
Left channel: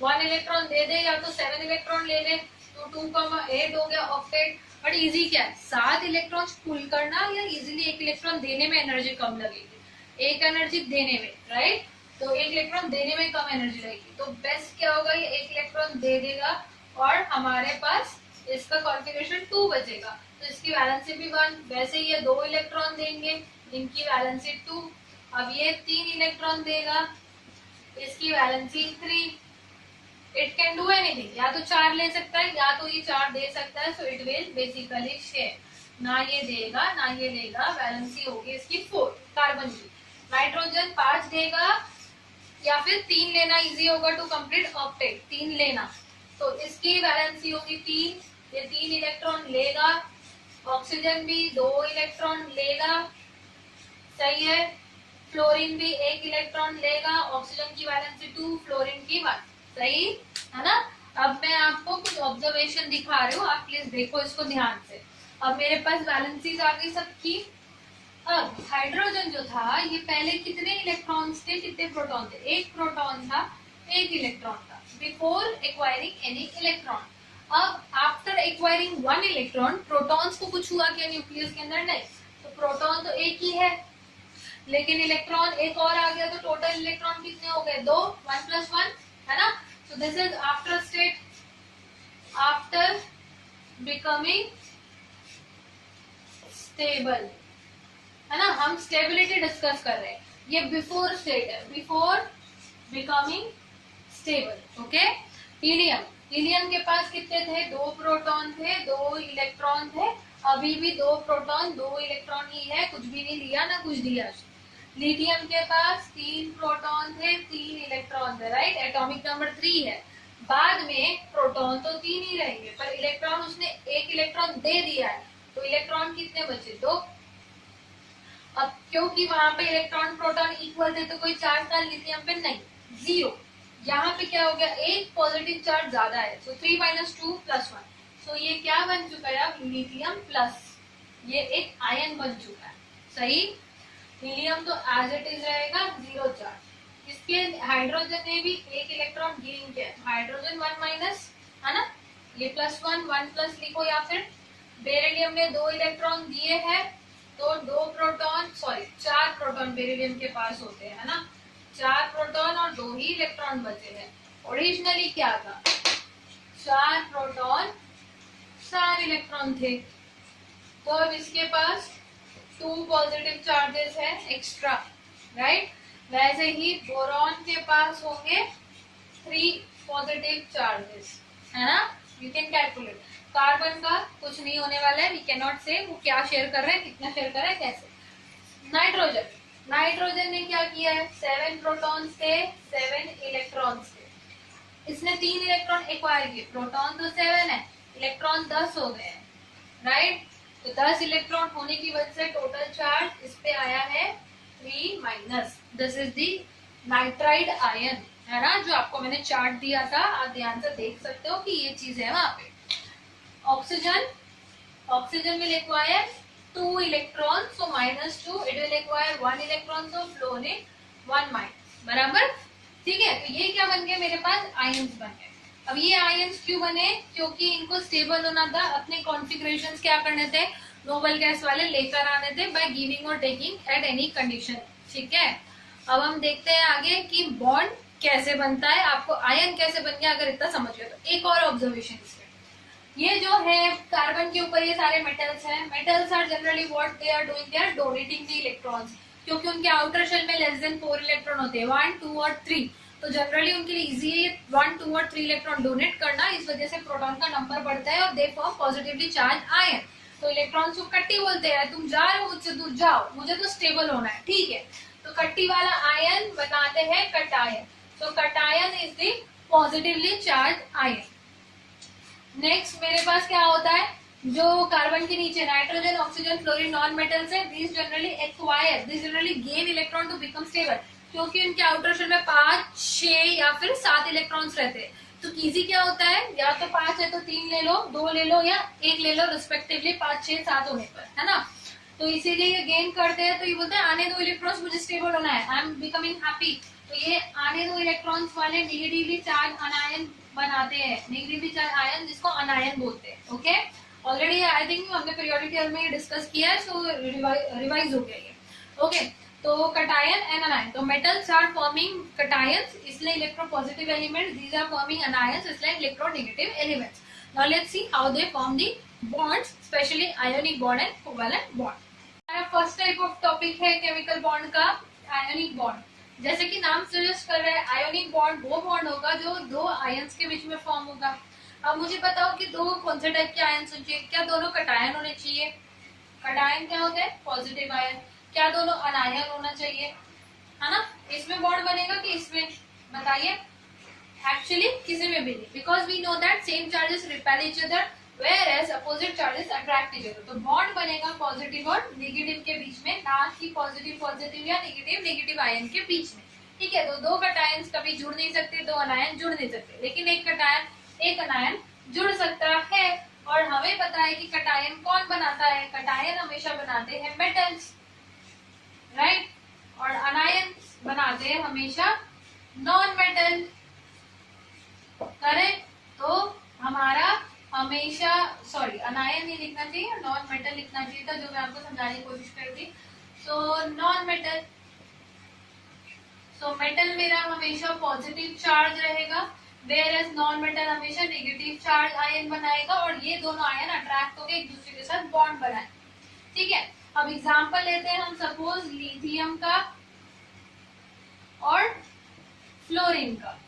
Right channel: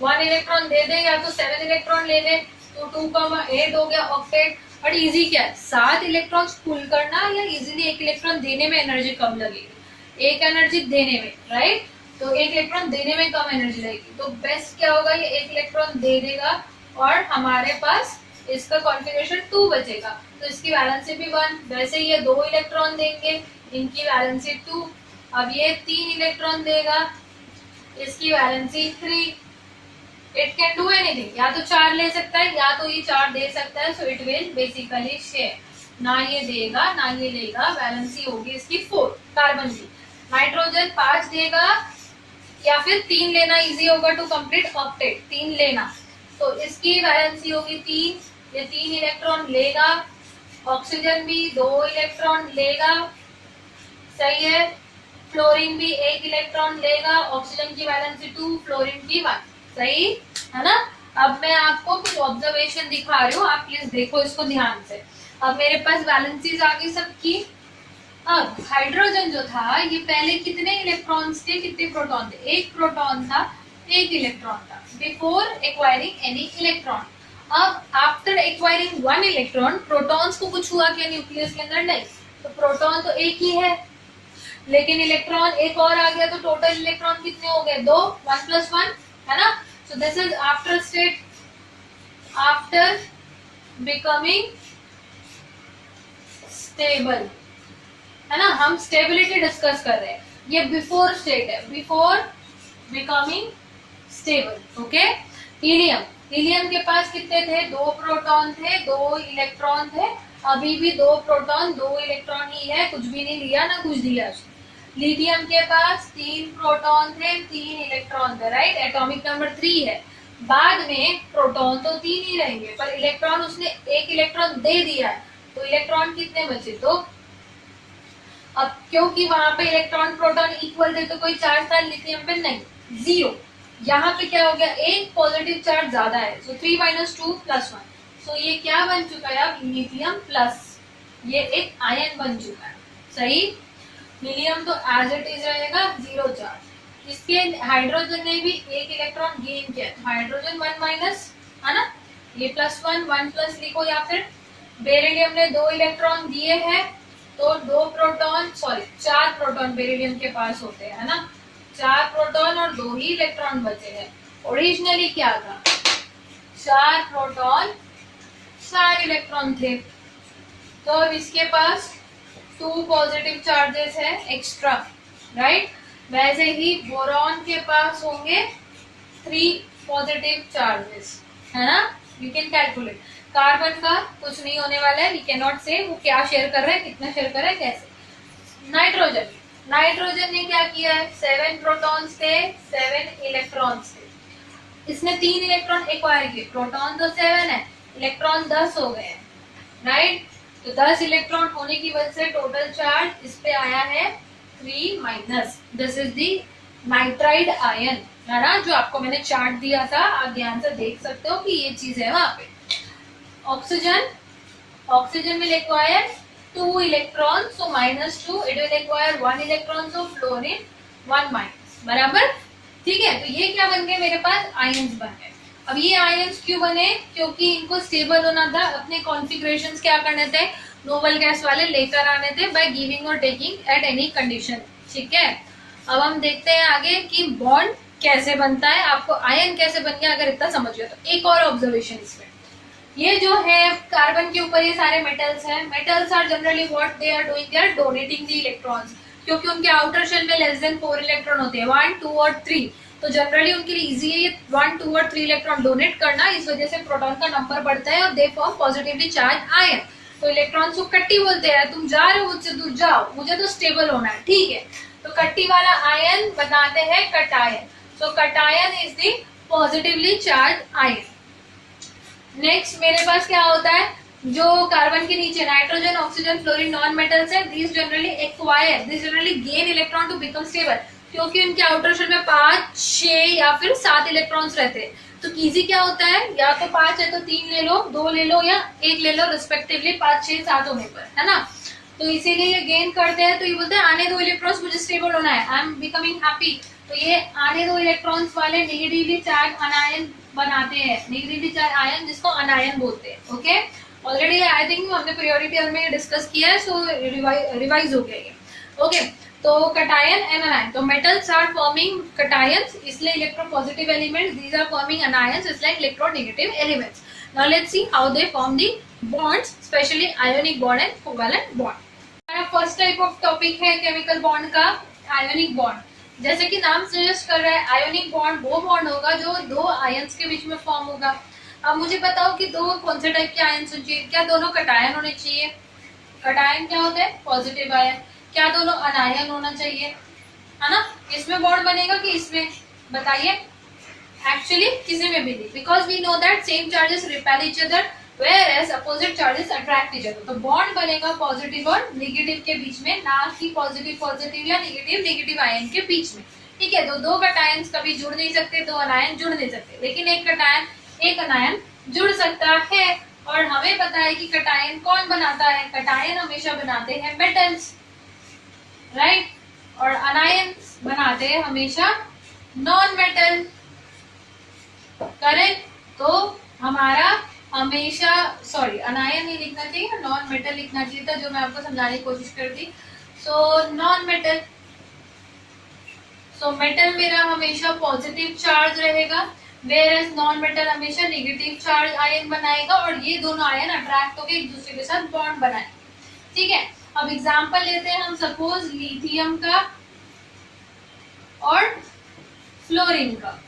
1 electron दे दे या तो 7 इलेक्ट्रॉन ले ले, तो 2, 8 हो गया ऑक्टेट। बट इजी क्या है, 7 इलेक्ट्रॉन्स पुल करना या इजीली 1 इलेक्ट्रॉन देने में एनर्जी कम लगेगी, एक एनर्जी देने में, राइट। तो एक इलेक्ट्रॉन देने में कम एनर्जी रहेगी, तो बेस्ट क्या होगा, ये एक इलेक्ट्रॉन दे देगा और हमारे पास इसका कॉन्फ़िगरेशन 2 बचेगा, तो इसकी वैलेंसी भी 1। वैसे ये 2 इलेक्ट्रॉन देंगे, इनकी वैलेंसी 2। अब ये 3 इलेक्ट्रॉन देगा, इसकी valency 3। It can do anything, या तो 4 ले सकता है या तो ये 4 दे सकता है, so it will basically share, ना ये देगा ना ये लेगा, वैलेंसी होगी इसकी 4 कार्बन की। नाइट्रोजन 5 देगा, या फिर 3 लेना इजी होगा टू कंप्लीट ऑक्टेट, 3 लेना, तो इसकी वैलेंसी होगी 3, ये 3 इलेक्ट्रॉन लेगा। ऑक्सीजन भी 2 इलेक्ट्रॉन लेगा, सही है। फ्लोरीन भी 1 इलेक्ट्रॉन लेगा, ऑक्सीजन की वैलेंसी 2, फ्लोरीन की 1, सही है ना। अब मैं आपको कुछ ऑब्जर्वेशन दिखा रही हूँ, आप प्लीज देखो इसको ध्यान से। अब मेरे पास वैलेंसीज आ गई सबकी। अब हाइड्रोजन जो था, ये पहले कितने इलेक्ट्रॉन्स थे, कितने प्रोटॉन थे, 1 प्रोटॉन था, 1 इलेक्ट्रॉन था, बिफोर एक्वायरिंग एनी इलेक्ट्रॉन। अब आफ्टर एक्वायरिंग 1 इलेक्ट्रॉन, प्रोटॉन्स को कुछ हुआ क्या न्यूक्लियस के अंदर, नहीं, तो प्रोटॉन तो एक ही है, लेकिन इलेक्ट्रॉन एक और आ गया, तो टोटल इलेक्ट्रॉन कितने हो गए, 2, 1 + 1, है ना। So this is after state, after becoming stable, है ना, हम स्टेबिलिटी डिस्कस कर रहे हैं, ये बिफोर स्टेट है, before becoming stable. Okay, helium, helium के पास कितने थे, 2 प्रोटॉन थे, 2 इलेक्ट्रॉन थे, अभी भी 2 प्रोटॉन 2 इलेक्ट्रॉन ही है, कुछ भी नहीं लिया ना कुछ दिया। लिथियम के पास 3 प्रोटॉन थे, 3 इलेक्ट्रॉन थे, राइट, एटॉमिक नंबर 3 है। बाद में प्रोटॉन तो 3 ही रहेंगे, पर इलेक्ट्रॉन उसने 1 इलेक्ट्रॉन दे दिया है, तो इलेक्ट्रॉन कितने बचे, 2। अब क्योंकि वहां पे इलेक्ट्रॉन प्रोटॉन इक्वल थे, तो कोई चार्ज था लिथियम पे, नहीं, 0। यहाँ पे क्या हो गया, एक पॉजिटिव चार्ज ज्यादा है, सो 3 - 2 + 1, सो ये क्या बन चुका है अब, लिथियम प्लस, ये एक आयन बन चुका है, सही। हीलियम तो एज इट इज रहेगा, 0 चार्ज। इसके हाइड्रोजन ने भी 1 इलेक्ट्रॉन गेन किया, हाइड्रोजन 1 है ना, ये +1 1+ लिखो, या फिर बेरिलियम ने 2 इलेक्ट्रॉन दिए हैं, तो 2 प्रोटॉन, सॉरी 4 प्रोटॉन बेरिलियम के पास होते हैं, है ना, 4 प्रोटॉन और 2 ही इलेक्ट्रॉन बचे हैं। ओरिजिनली क्या था, 4 प्रोटॉन 4 इलेक्ट्रॉन थे, तो अब इसके पास 2 पॉजिटिव चार्जेस है एक्स्ट्रा, राइट। वैसे ही बोरॉन के पास होंगे 3 पॉजिटिव चार्जेस, है ना, यू कैन कैलकुलेट। कार्बन का कुछ नहीं होने वाला है, वी कैन नॉट से वो क्या शेयर कर रहे हैं, कितना शेयर कर रहे हैं, कैसे। नाइट्रोजन, नाइट्रोजन ने क्या किया है, 7 प्रोटॉन्स थे, 7 इलेक्ट्रॉन्स थे, इसने 3 इलेक्ट्रॉन एक्वायर किए, प्रोटॉन तो 7 है, इलेक्ट्रॉन 10 हो गए हैं, राइट। तो 10 इलेक्ट्रॉन होने की वजह से टोटल चार्ज इस पे आया है 3-। This is the nitride ion, है ना, जो आपको मैंने चार्ट दिया था, आप ध्यान से देख सकते हो कि ये चीज है वहां पे। Oxygen, oxygen will acquire 2 electron, so -2, it will acquire 1 electron, so fluorine 1-, बराबर, ठीक है। तो ये क्या बन गए मेरे पास, आयंस बन गए। अब ये आयंस क्यों बने, क्योंकि इनको स्टेबल होना था, अपने कॉन्फ़िगरेशंस क्या करने थे, नोबल गैस वाले लेकर आने थे, बाय गिविंग और टेकिंग एट एनी कंडीशन, ठीक है। अब हम देखते हैं आगे कि बॉन्ड कैसे बनता है, आपको आयन कैसे बन गया, अगर इतना समझ गया तो। एक और ऑब्जर्वेशन इसमें, ये जो है कार्बन के ऊपर ये सारे मेटल्स हैं, metals are generally what they are doing, they are donating the electrons, क्योंकि उनके आउटर शेल में लेस देन 4 इलेक्ट्रॉन होते हैं, 1, 2 और 3, तो जनरली उनके लिए इजी है 1, 2 और 3 इलेक्ट्रॉन डोनेट करना, इस वजह से प्रोटॉन का नंबर बढ़ता है और they form positively charged ion. तो इलेक्ट्रॉन्स को कट्टी बोलते हैं, तुम जा रहे हो मुझसे दूर, जाओ, मुझे तो स्टेबल होना है, ठीक है, तो कट्टी वाला आयन बनाते हैं cation, so cation is the positively charged ion. Next मेरे पास क्या होता है, जो कार्बन के नीचे nitrogen, oxygen, fluorine non metals है, this generally acquire, this generally gain electron to become stable, क्योंकि उनके आउटर शेल में 5, 6 या फिर 7 इलेक्ट्रॉन्स रहते हैं। तो इजी क्या होता है, या तो 5 है तो 3 ले लो, 2 ले लो या 1 ले लो रिस्पेक्टिवली, 5, 6, 7 होने पर, है ना। तो इसीलिए ये गेन करते हैं, तो ये बोलते हैं आने दो इलेक्ट्रॉन्स, मुझे स्टेबल होना है, आई एम बिकमिंग हैप्पी, तो ये आने दो इलेक्ट्रॉन्स वाले नेगेटिवली चार्ज अनायन बनाते हैं, नेगेटिवली चार्ज आयन जिसको अनायन बोलते हैं। ओके, ऑलरेडी आई थिंक हमने पीरियोडिक टेबल में डिस्कस किया है, सो रिवाइज हो गया ये। ओके, तो कटायन एंड अनायन, तो मेटल्स आर फॉर्मिंग कटायंस, इसलिए electropositive elements, these are forming anions, इसलिए electronegative elements. Now let's see how they form the bonds, specially ionic bond and covalent bond. हमारा first type of topic है chemical bond का ionic bond. जैसे कि नाम suggest कर रहा है, आयोनिक बॉन्ड वो बॉन्ड होगा जो दो आयंस के बीच में फॉर्म होगा. अब मुझे बताओ कि दो कौन से टाइप के आयंस होने चाहिए. क्या दोनों कटायन होने चाहिए? कटायन क्या होता है? Positive ion. क्या दोनों अनायन होना चाहिए? है ना. इसमें बॉन्ड बनेगा कि इसमें? बताइए. एक्चुअली किसी में भी नहीं, because we know that same charges repel each other whereas opposite charges attract each other. तो बॉन्ड बनेगा पॉजिटिव और नेगेटिव के बीच में, ना कि पॉजिटिव पॉजिटिव या नेगेटिव नेगेटिव आयन के बीच में. ठीक है. तो दो कटायंस कभी जुड़ नहीं सकते, दो अनायन जुड़ नहीं सकते, लेकिन एक कटायन एक अनायन जुड़ सकता है. और हमें पता है कि कटायन कौन बनाता है? कटायन हमेशा बनाते हैं मेटल्स, राइट. और अनायन बनाते हैं हमेशा नॉन मेटल, करेक्ट. तो हमारा हमेशा, सॉरी, अनायन ही लिखना चाहिए, नॉन मेटल लिखना चाहिए था, जो मैं आपको समझाने की कोशिश कर दी. So non metal, so metal मेरा हमेशा पॉजिटिव चार्ज रहेगा, वेयरएज नॉन मेटल हमेशा नेगेटिव चार्ज आयन बनाएगा, और ये दोनों आयन अट्रैक्ट होकर एक दूसरे के साथ बॉन्ड बनाए. ठीक है. अब एग्जांपल लेते हैं हम, सपोज लिथियम का और फ्लोरीन का.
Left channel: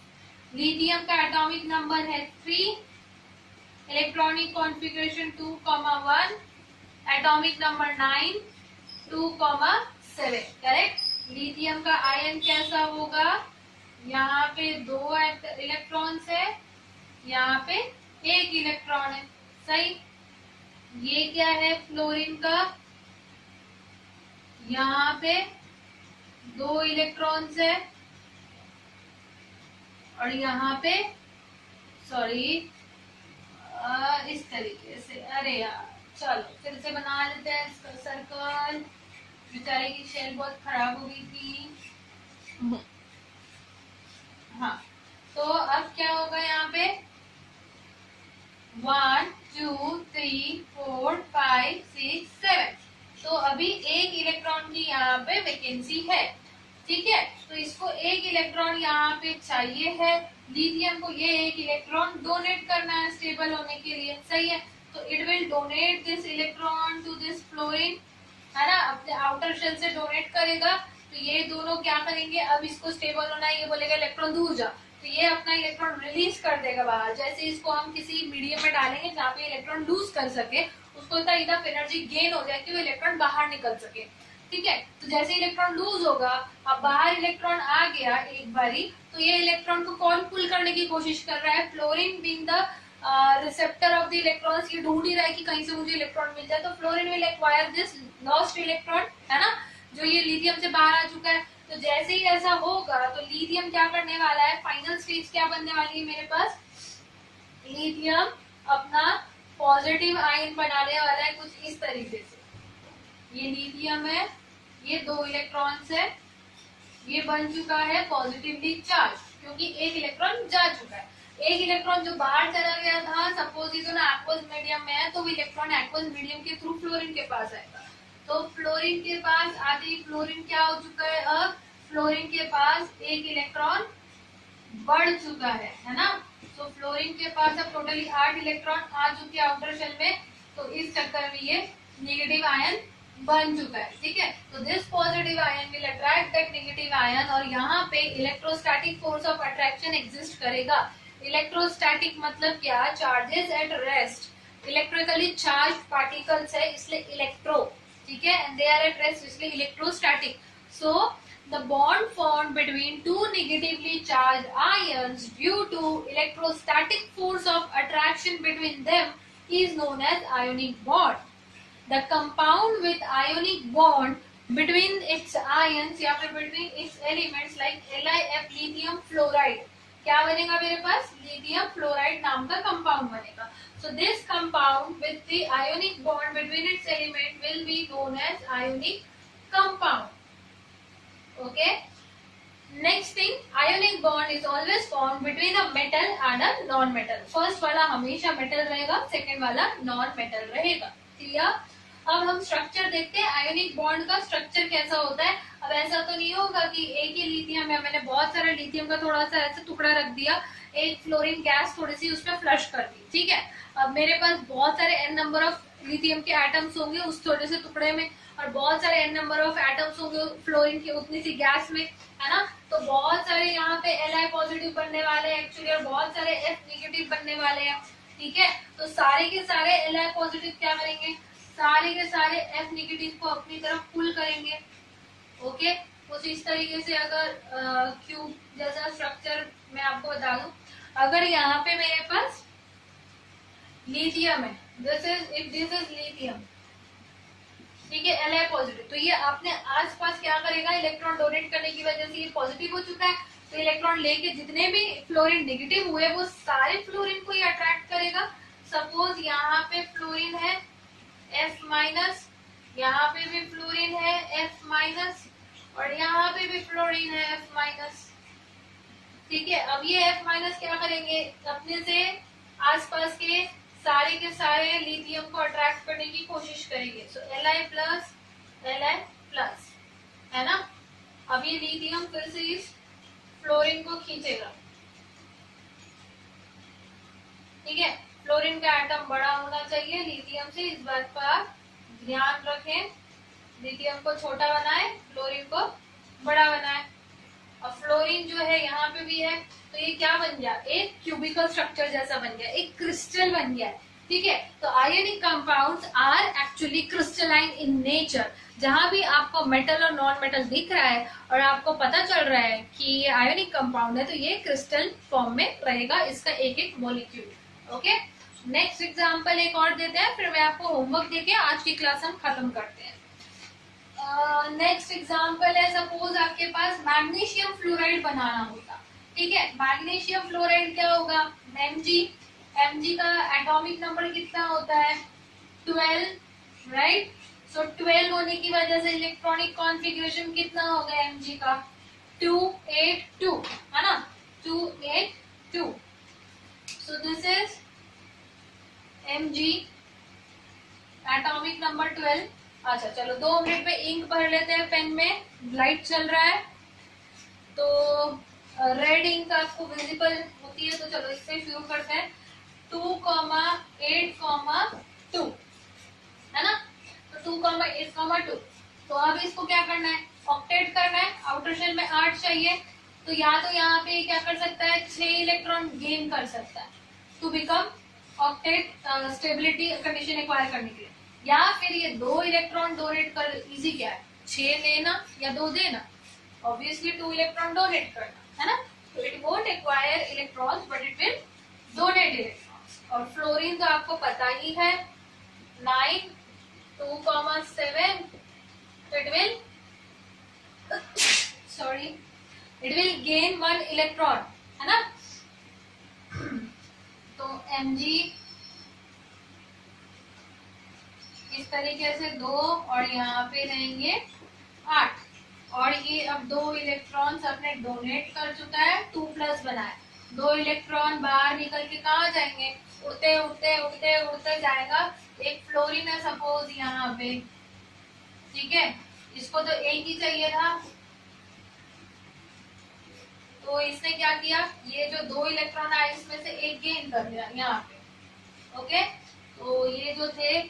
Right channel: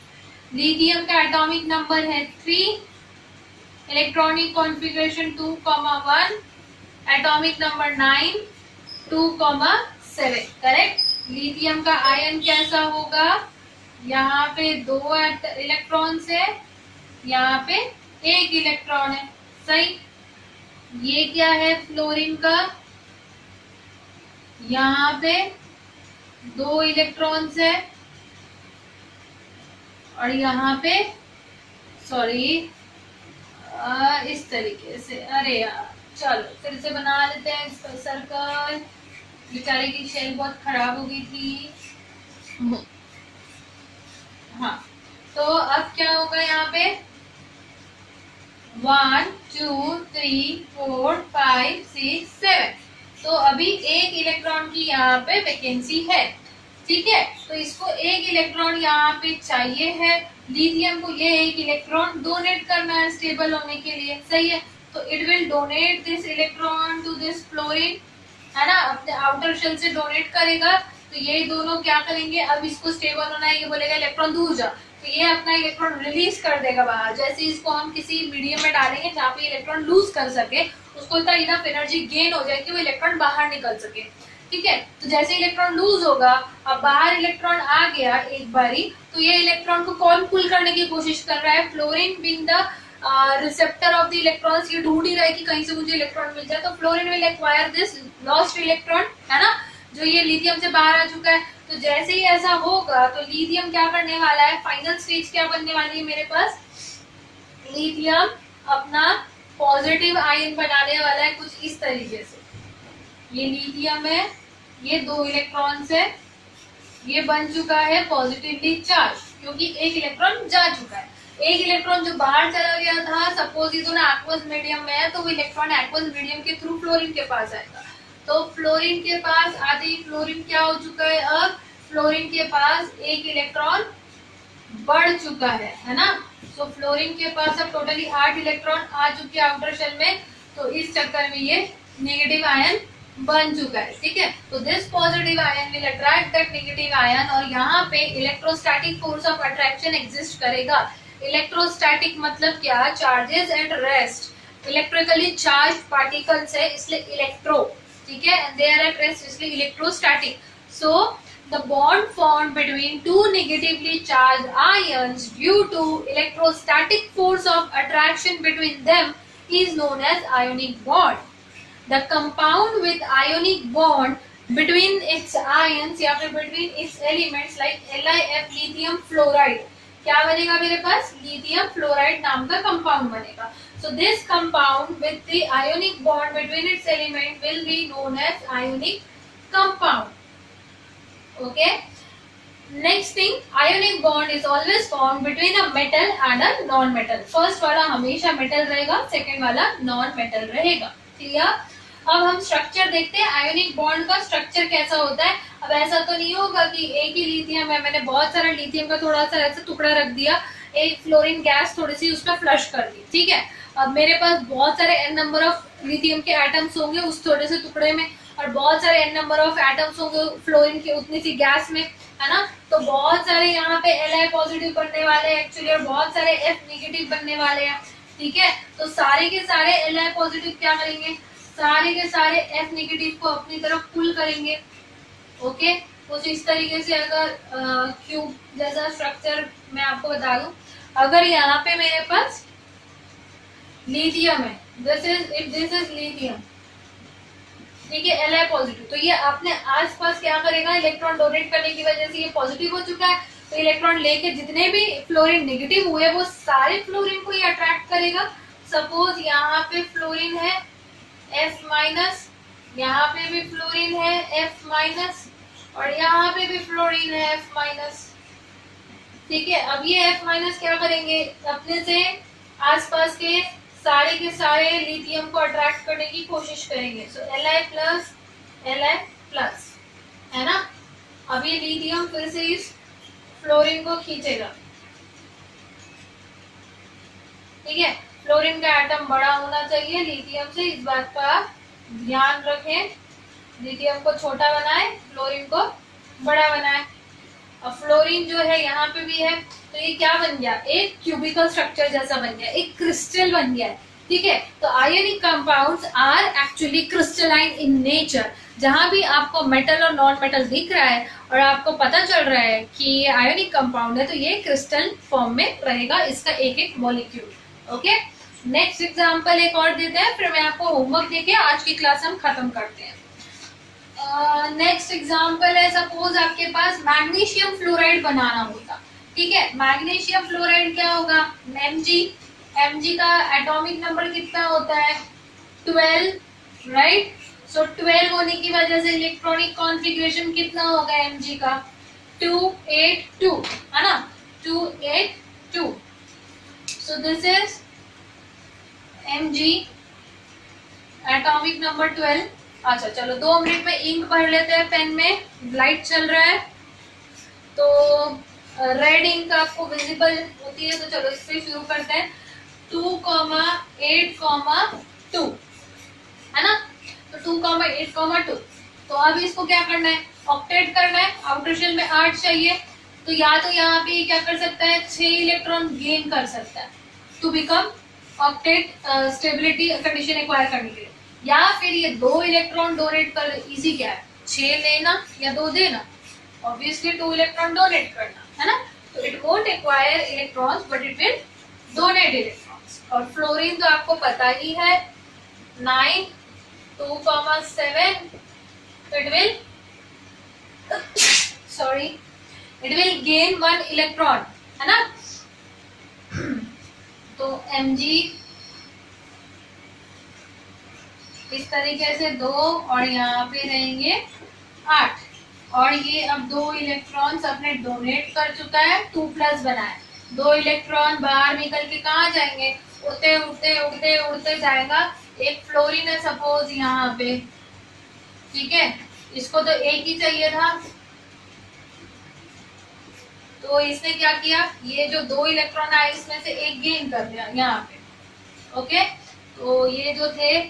लिथियम का एटॉमिक नंबर है 3, electronic configuration 2,1, atomic number 9, 2,7. Correct. Lithium का आयन कैसा होगा? यहाँ पे 2 इलेक्ट्रॉन्स है, यहाँ पे 1 इलेक्ट्रॉन है. सही. ये क्या है फ्लोरीन का? यहाँ पे 2 इलेक्ट्रॉन्स है, और यहाँ पे, सॉरी, इस तरीके से, अरे यार, चलो फिर से बना लेते हैं इसका सर्कल. बेचारे की शेल बहुत खराब हो गई थी. हाँ. तो अब क्या होगा यहाँ पे? 1 2 3 4 5 6 7. तो अभी 1 इलेक्ट्रॉन की यहाँ पे वैकेंसी है. ठीक है. तो इसको 1 इलेक्ट्रॉन यहाँ पे चाहिए है. लिथियम को ये 1 इलेक्ट्रॉन डोनेट करना है स्टेबल होने के लिए. सही है. तो it will donate this electron to this fluorine, है ना. अपने आउटर शेल से डोनेट करेगा. तो ये दोनों क्या करेंगे? अब इसको स्टेबल होना है, ये बोलेगा इलेक्ट्रॉन दूर जा, तो ये अपना इलेक्ट्रॉन रिलीज कर देगा बाहर. जैसे इसको हम किसी मीडियम में डालेंगे जहाँ पे इलेक्ट्रॉन लूज कर सके, उसको इतना इनफ एनर्जी गेन हो जाए कि वो इलेक्ट्रॉन बाहर निकल सके. ठीक है. तो जैसे इलेक्ट्रॉन लूज होगा, अब बाहर इलेक्ट्रॉन आ गया एक बारी, तो ये इलेक्ट्रॉन को कौन पुल करने की कोशिश कर रहा है? Fluorine being the receptor of the electrons, ये ढूंढ ही रहा है कि कहीं से मुझे इलेक्ट्रॉन मिल जाए. तो fluorine will acquire this lost electron, है ना, जो ये लिथियम से बाहर आ चुका है. तो जैसे ही ऐसा होगा तो लिथियम क्या करने वाला है? फाइनल स्टेज क्या बनने वाली है मेरे पास? लिथियम अपना पॉजिटिव आयन बनाने वाला है कुछ इस तरीके से. ये लिथियम है, ये 2 इलेक्ट्रॉन्स है, ये बन चुका है पॉजिटिवली चार्ज, क्योंकि 1 इलेक्ट्रॉन जा चुका है. 1 इलेक्ट्रॉन जो बाहर चला गया था, सपोज ये दोनों एक्वस मीडियम में है, तो वो इलेक्ट्रॉन एक्वस मीडियम के थ्रू फ्लोरीन के पास आएगा. तो फ्लोरीन के पास आते ही फ्लोरीन क्या हो चुका है? अब फ्लोरीन के पास 1 इलेक्ट्रॉन बढ़ चुका है ना. तो फ्लोरीन के पास अब टोटली 8 इलेक्ट्रॉन आ चुके हैं आउटर शेल में. तो इस चक्कर में ये नेगेटिव आयन बन चुका है. ठीक है. तो this positive ion will attract that negative ion, और यहाँ पे electrostatic force of attraction exist करेगा. इलेक्ट्रोस्टैटिक मतलब क्या? Charges at rest, electrically charge particles है इसलिए इलेक्ट्रो. ठीक है. And they are at rest इसलिए electrostatic. So the bond formed between two negatively charged ions due to electrostatic force of attraction between them is known as ionic bond. The compound with ionic bond between its ions या फिर between its elements like LiF, lithium fluoride, क्या बनेगा मेरे पास? lithium fluoride नाम का compound बनेगा. So this compound with the ionic bond between its element will be known as ionic compound. Okay. Next thing, ionic bond is always formed between a metal and a non-metal. First वाला हमेशा metal रहेगा, second वाला non-metal रहेगा. Clear? अब हम structure देखते हैं, ionic bond का स्ट्रक्चर कैसा होता है। अब ऐसा तो नहीं होगा कि एक ही लिथियम है, मैंने बहुत सारा लिथियम का थोड़ा सा ऐसा टुकड़ा रख दिया, एक फ्लोरीन गैस थोड़ी सी उसमें फ्लश कर दी, ठीक है। अब मेरे पास बहुत सारे n नंबर ऑफ लिथियम के एटम्स होंगे उस थोड़े से टुकड़े में, और बहुत सारे n नंबर ऑफ एटम्स होंगे फ्लोरीन के उतनी सी गैस में, है ना। तो बहुत सारे यहाँ पे Li पॉजिटिव बनने वाले हैं एक्चुअली, और बहुत सारे F नेगेटिव बनने वाले हैं, ठीक है। तो सारे के सारे Li पॉजिटिव क्या करेंगे, सारे के सारे F नेगेटिव को अपनी तरफ पुल करेंगे, ओके। कुछ इस तरीके से अगर क्यूब जैसा स्ट्रक्चर मैं आपको बता दूं, अगर यहाँ पे मेरे पास लिथियम है, दिस इज लिथियम, ठीक है, Li पॉजिटिव, तो ये अपने आसपास क्या करेगा, इलेक्ट्रॉन डोनेट करने की वजह से ये पॉजिटिव हो चुका है, तो इलेक्ट्रॉन लेके जितने भी फ्लोरीन नेगेटिव हुए वो सारे फ्लोरीन को ये अट्रैक्ट करेगा। सपोज यहाँ पे फ्लोरीन है F माइनस, यहाँ पे भी फ्लोरीन है F माइनस, और यहाँ पे भी फ्लोरीन है F माइनस, ठीक है। अब ये F माइनस क्या करेंगे, अपने से आसपास के सारे लिथियम को अट्रैक्ट करने की कोशिश करेंगे, सो Li प्लस, है ना। अब ये लिथियम फिर से इस फ्लोरीन को खींचेगा, ठीक है। फ्लोरीन का एटम बड़ा होना चाहिए लिथियम से, इस बात का आप ध्यान रखें, लिथियम को छोटा बनाए, फ्लोरीन को बड़ा बनाए। अब फ्लोरीन जो है यहाँ पे भी है, तो ये क्या बन गया, एक क्यूबिकल स्ट्रक्चर जैसा बन गया, एक क्रिस्टल बन गया है, ठीक है। तो ionic compounds are actually crystalline in nature. जहां भी आपको मेटल और नॉन मेटल दिख रहा है और आपको पता चल रहा है कि ये आयोनिक कंपाउंड है, तो ये क्रिस्टल फॉर्म में रहेगा, इसका एक एक मॉलिक्यूल, ओके। नेक्स्ट एग्जांपल एक और देते हैं, फिर मैं आपको होमवर्क देके आज की क्लास हम खत्म करते हैं। नेक्स्ट एग्जांपल है, सपोज आपके पास मैग्नीशियम फ्लोराइड बनाना होता, ठीक है। मैग्नीशियम फ्लोराइड क्या होगा, Mg का एटॉमिक नंबर कितना होता है, 12, राइट। सो 12 होने की वजह से इलेक्ट्रॉनिक कॉन्फ़िगरेशन कितना होगा Mg का, 282, है ना, 282। So this is Mg, atomic number 12। अच्छा चलो 2 मिनट में इंक भर लेते हैं पेन में, लाइट चल रहा है तो रेड इंक आपको विजिबल होती है, तो चलो इससे शुरू करते हैं। 2,8,2 है ना, तो 2,8,2। तो अब इसको क्या करना है, ऑक्टेट करना है, आउटर शेल में 8 चाहिए, तो या तो यहाँ पे क्या कर सकता है, 6 इलेक्ट्रॉन गेन कर सकता है to become octet stability condition acquire करने के लिए, या फिर ये 2 इलेक्ट्रॉन डोनेट कर, इजी क्या है, 6 लेना या 2 देना, ऑब्वियसली 2 इलेक्ट्रॉन डोनेट करना, है ना। तो it won't acquire electrons but it will donate electrons. और फ्लोरीन तो आपको पता ही है 9, 2,7, it will it will gain 1 electron, है ना। तो Mg इस तरीके से 2 और यहाँ पे रहेंगे 8, और ये अब 2 इलेक्ट्रॉन्स अपने डोनेट कर चुका है, 2+ बनाए, 2 इलेक्ट्रॉन बाहर निकल के कहाँ जाएंगे, उड़ते उड़ते उड़ते उड़ते जाएगा। एक फ्लोरीन है सपोज यहाँ पे, ठीक है, इसको तो एक ही चाहिए था, तो इसने क्या किया, ये जो 2 इलेक्ट्रॉन आए इसमें से एक गेन कर दिया यहाँ पे, ओके। तो ये जो थे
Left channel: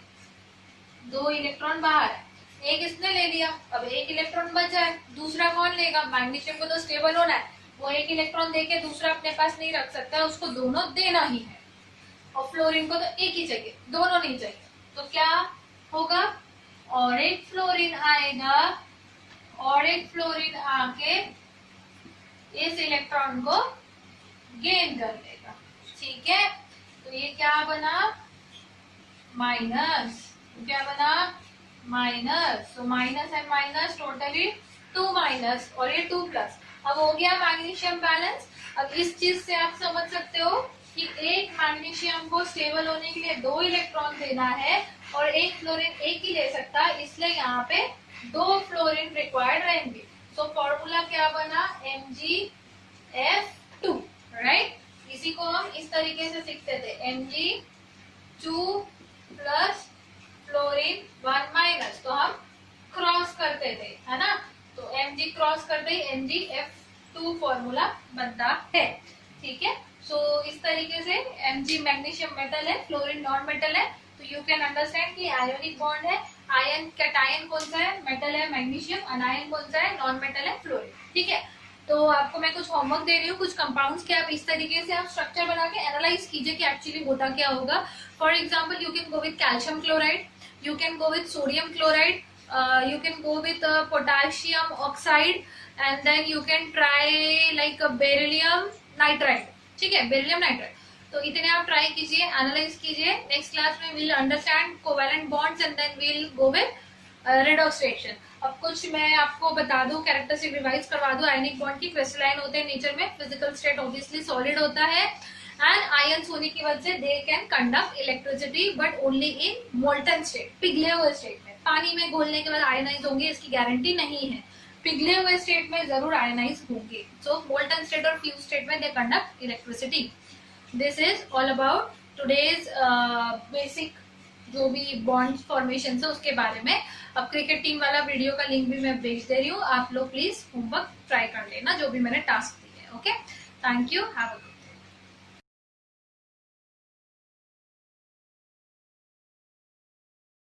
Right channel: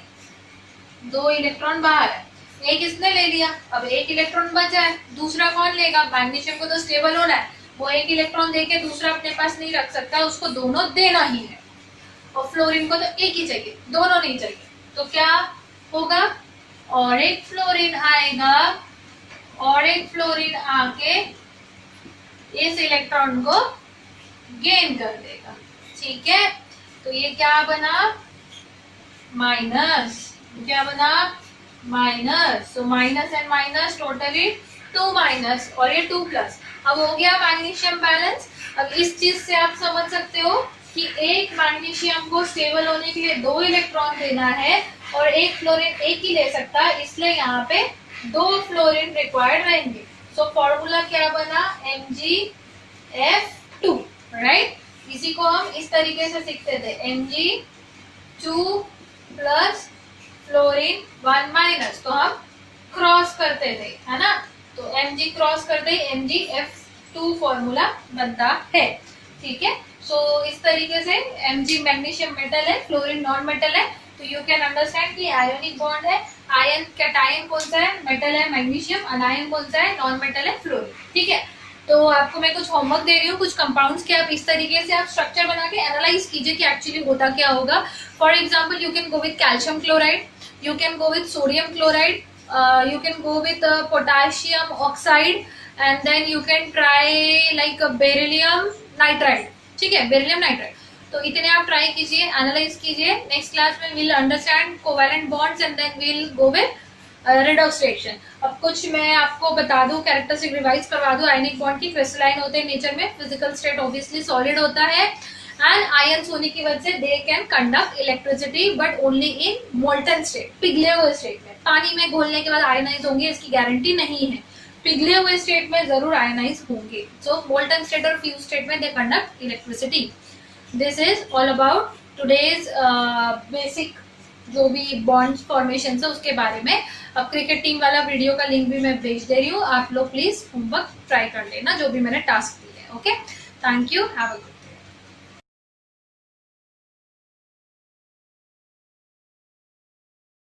2 इलेक्ट्रॉन बाहर है, एक इसने ले लिया, अब 1 इलेक्ट्रॉन बचा है, दूसरा कौन लेगा, मैग्नीशियम को तो स्टेबल होना है, वो 1 इलेक्ट्रॉन देके दूसरा अपने पास नहीं रख सकता, उसको दोनों देना ही है, और फ्लोरीन को तो एक ही चाहिए, दोनों नहीं चाहिए, तो क्या होगा, और एक फ्लोरीन आएगा, और एक फ्लोरीन आके इस इलेक्ट्रॉन को गेन कर देगा, ठीक है। तो ये क्या बना, माइनस, क्या बना, minus. So minus and minus totally 2 minus, और ये 2+। अब हो गया मैग्नीशियम बैलेंस। अब इस चीज से आप समझ सकते हो कि एक मैग्नीशियम को स्टेबल होने के लिए 2 इलेक्ट्रॉन देना है, और एक फ्लोरीन एक ही ले सकता है, इसलिए यहाँ पे 2 फ्लोरीन रिक्वायर्ड रहेंगे। सो फॉर्मूला क्या बना, MgF2, राइट। इसी को हम इस तरीके से सीखते थे, Mg2 + फ्लोरीन 1 माइनस, तो हम क्रॉस करते थे, है ना, तो Mg क्रॉस करते ही MgF2 फॉर्मूला बनता है, ठीक है। सो इस तरीके से Mg मैग्नीशियम मेटल है, फ्लोरीन नॉन मेटल है, तो यू कैन अंडरस्टैंड कि आयोनिक बॉन्ड है, आयन कैटायन कौन सा है, मेटल है मैग्नीशियम, अनायन कौन सा है, नॉन मेटल है फ्लोरीन, ठीक है। तो आपको मैं कुछ होमवर्क दे रही हूँ, कुछ कंपाउंड्स के आप इस तरीके से आप स्ट्रक्चर बना के एनालाइज कीजिए कि एक्चुअली होता क्या होगा। For example you can go with calcium chloride, you can go with sodium chloride, you can go with potassium oxide and then you can try like a beryllium nitride, ठीक है, beryllium nitride. तो इतने आप try कीजिए, analyse कीजिए। Next class में will understand covalent bonds and then will go with redox reaction. अब कुछ मैं आपको बता दूं, कैरेक्टरिस्टिक रिवाइज करवा दूं। आयनिक बॉन्ड की क्रिस्टलाइन होते हैं नेचर में, फिजिकल स्टेट ऑब्वियसली सॉलिड होता है, एंड आयंस होने की वजह से they can conduct electricity but only in molten state, पिघले हुए स्टेट में। पानी में घोलने के बाद आयनाइज होंगे इसकी गारंटी नहीं है, पिघले हुए स्टेट में जरूर आयनाइज होंगे। सो मोल्टन स्टेट और फ्यूज स्टेट में they conduct electricity. This is all about today's basic जो भी बॉन्ड फॉर्मेशन है उसके बारे में। अब क्रिकेट टीम वाला वीडियो का लिंक भी मैं भेज दे रही हूँ, आप लोग प्लीज होमवर्क ट्राई कर लेना जो भी मैंने टास्क दिए है। Okay, thank you, have a good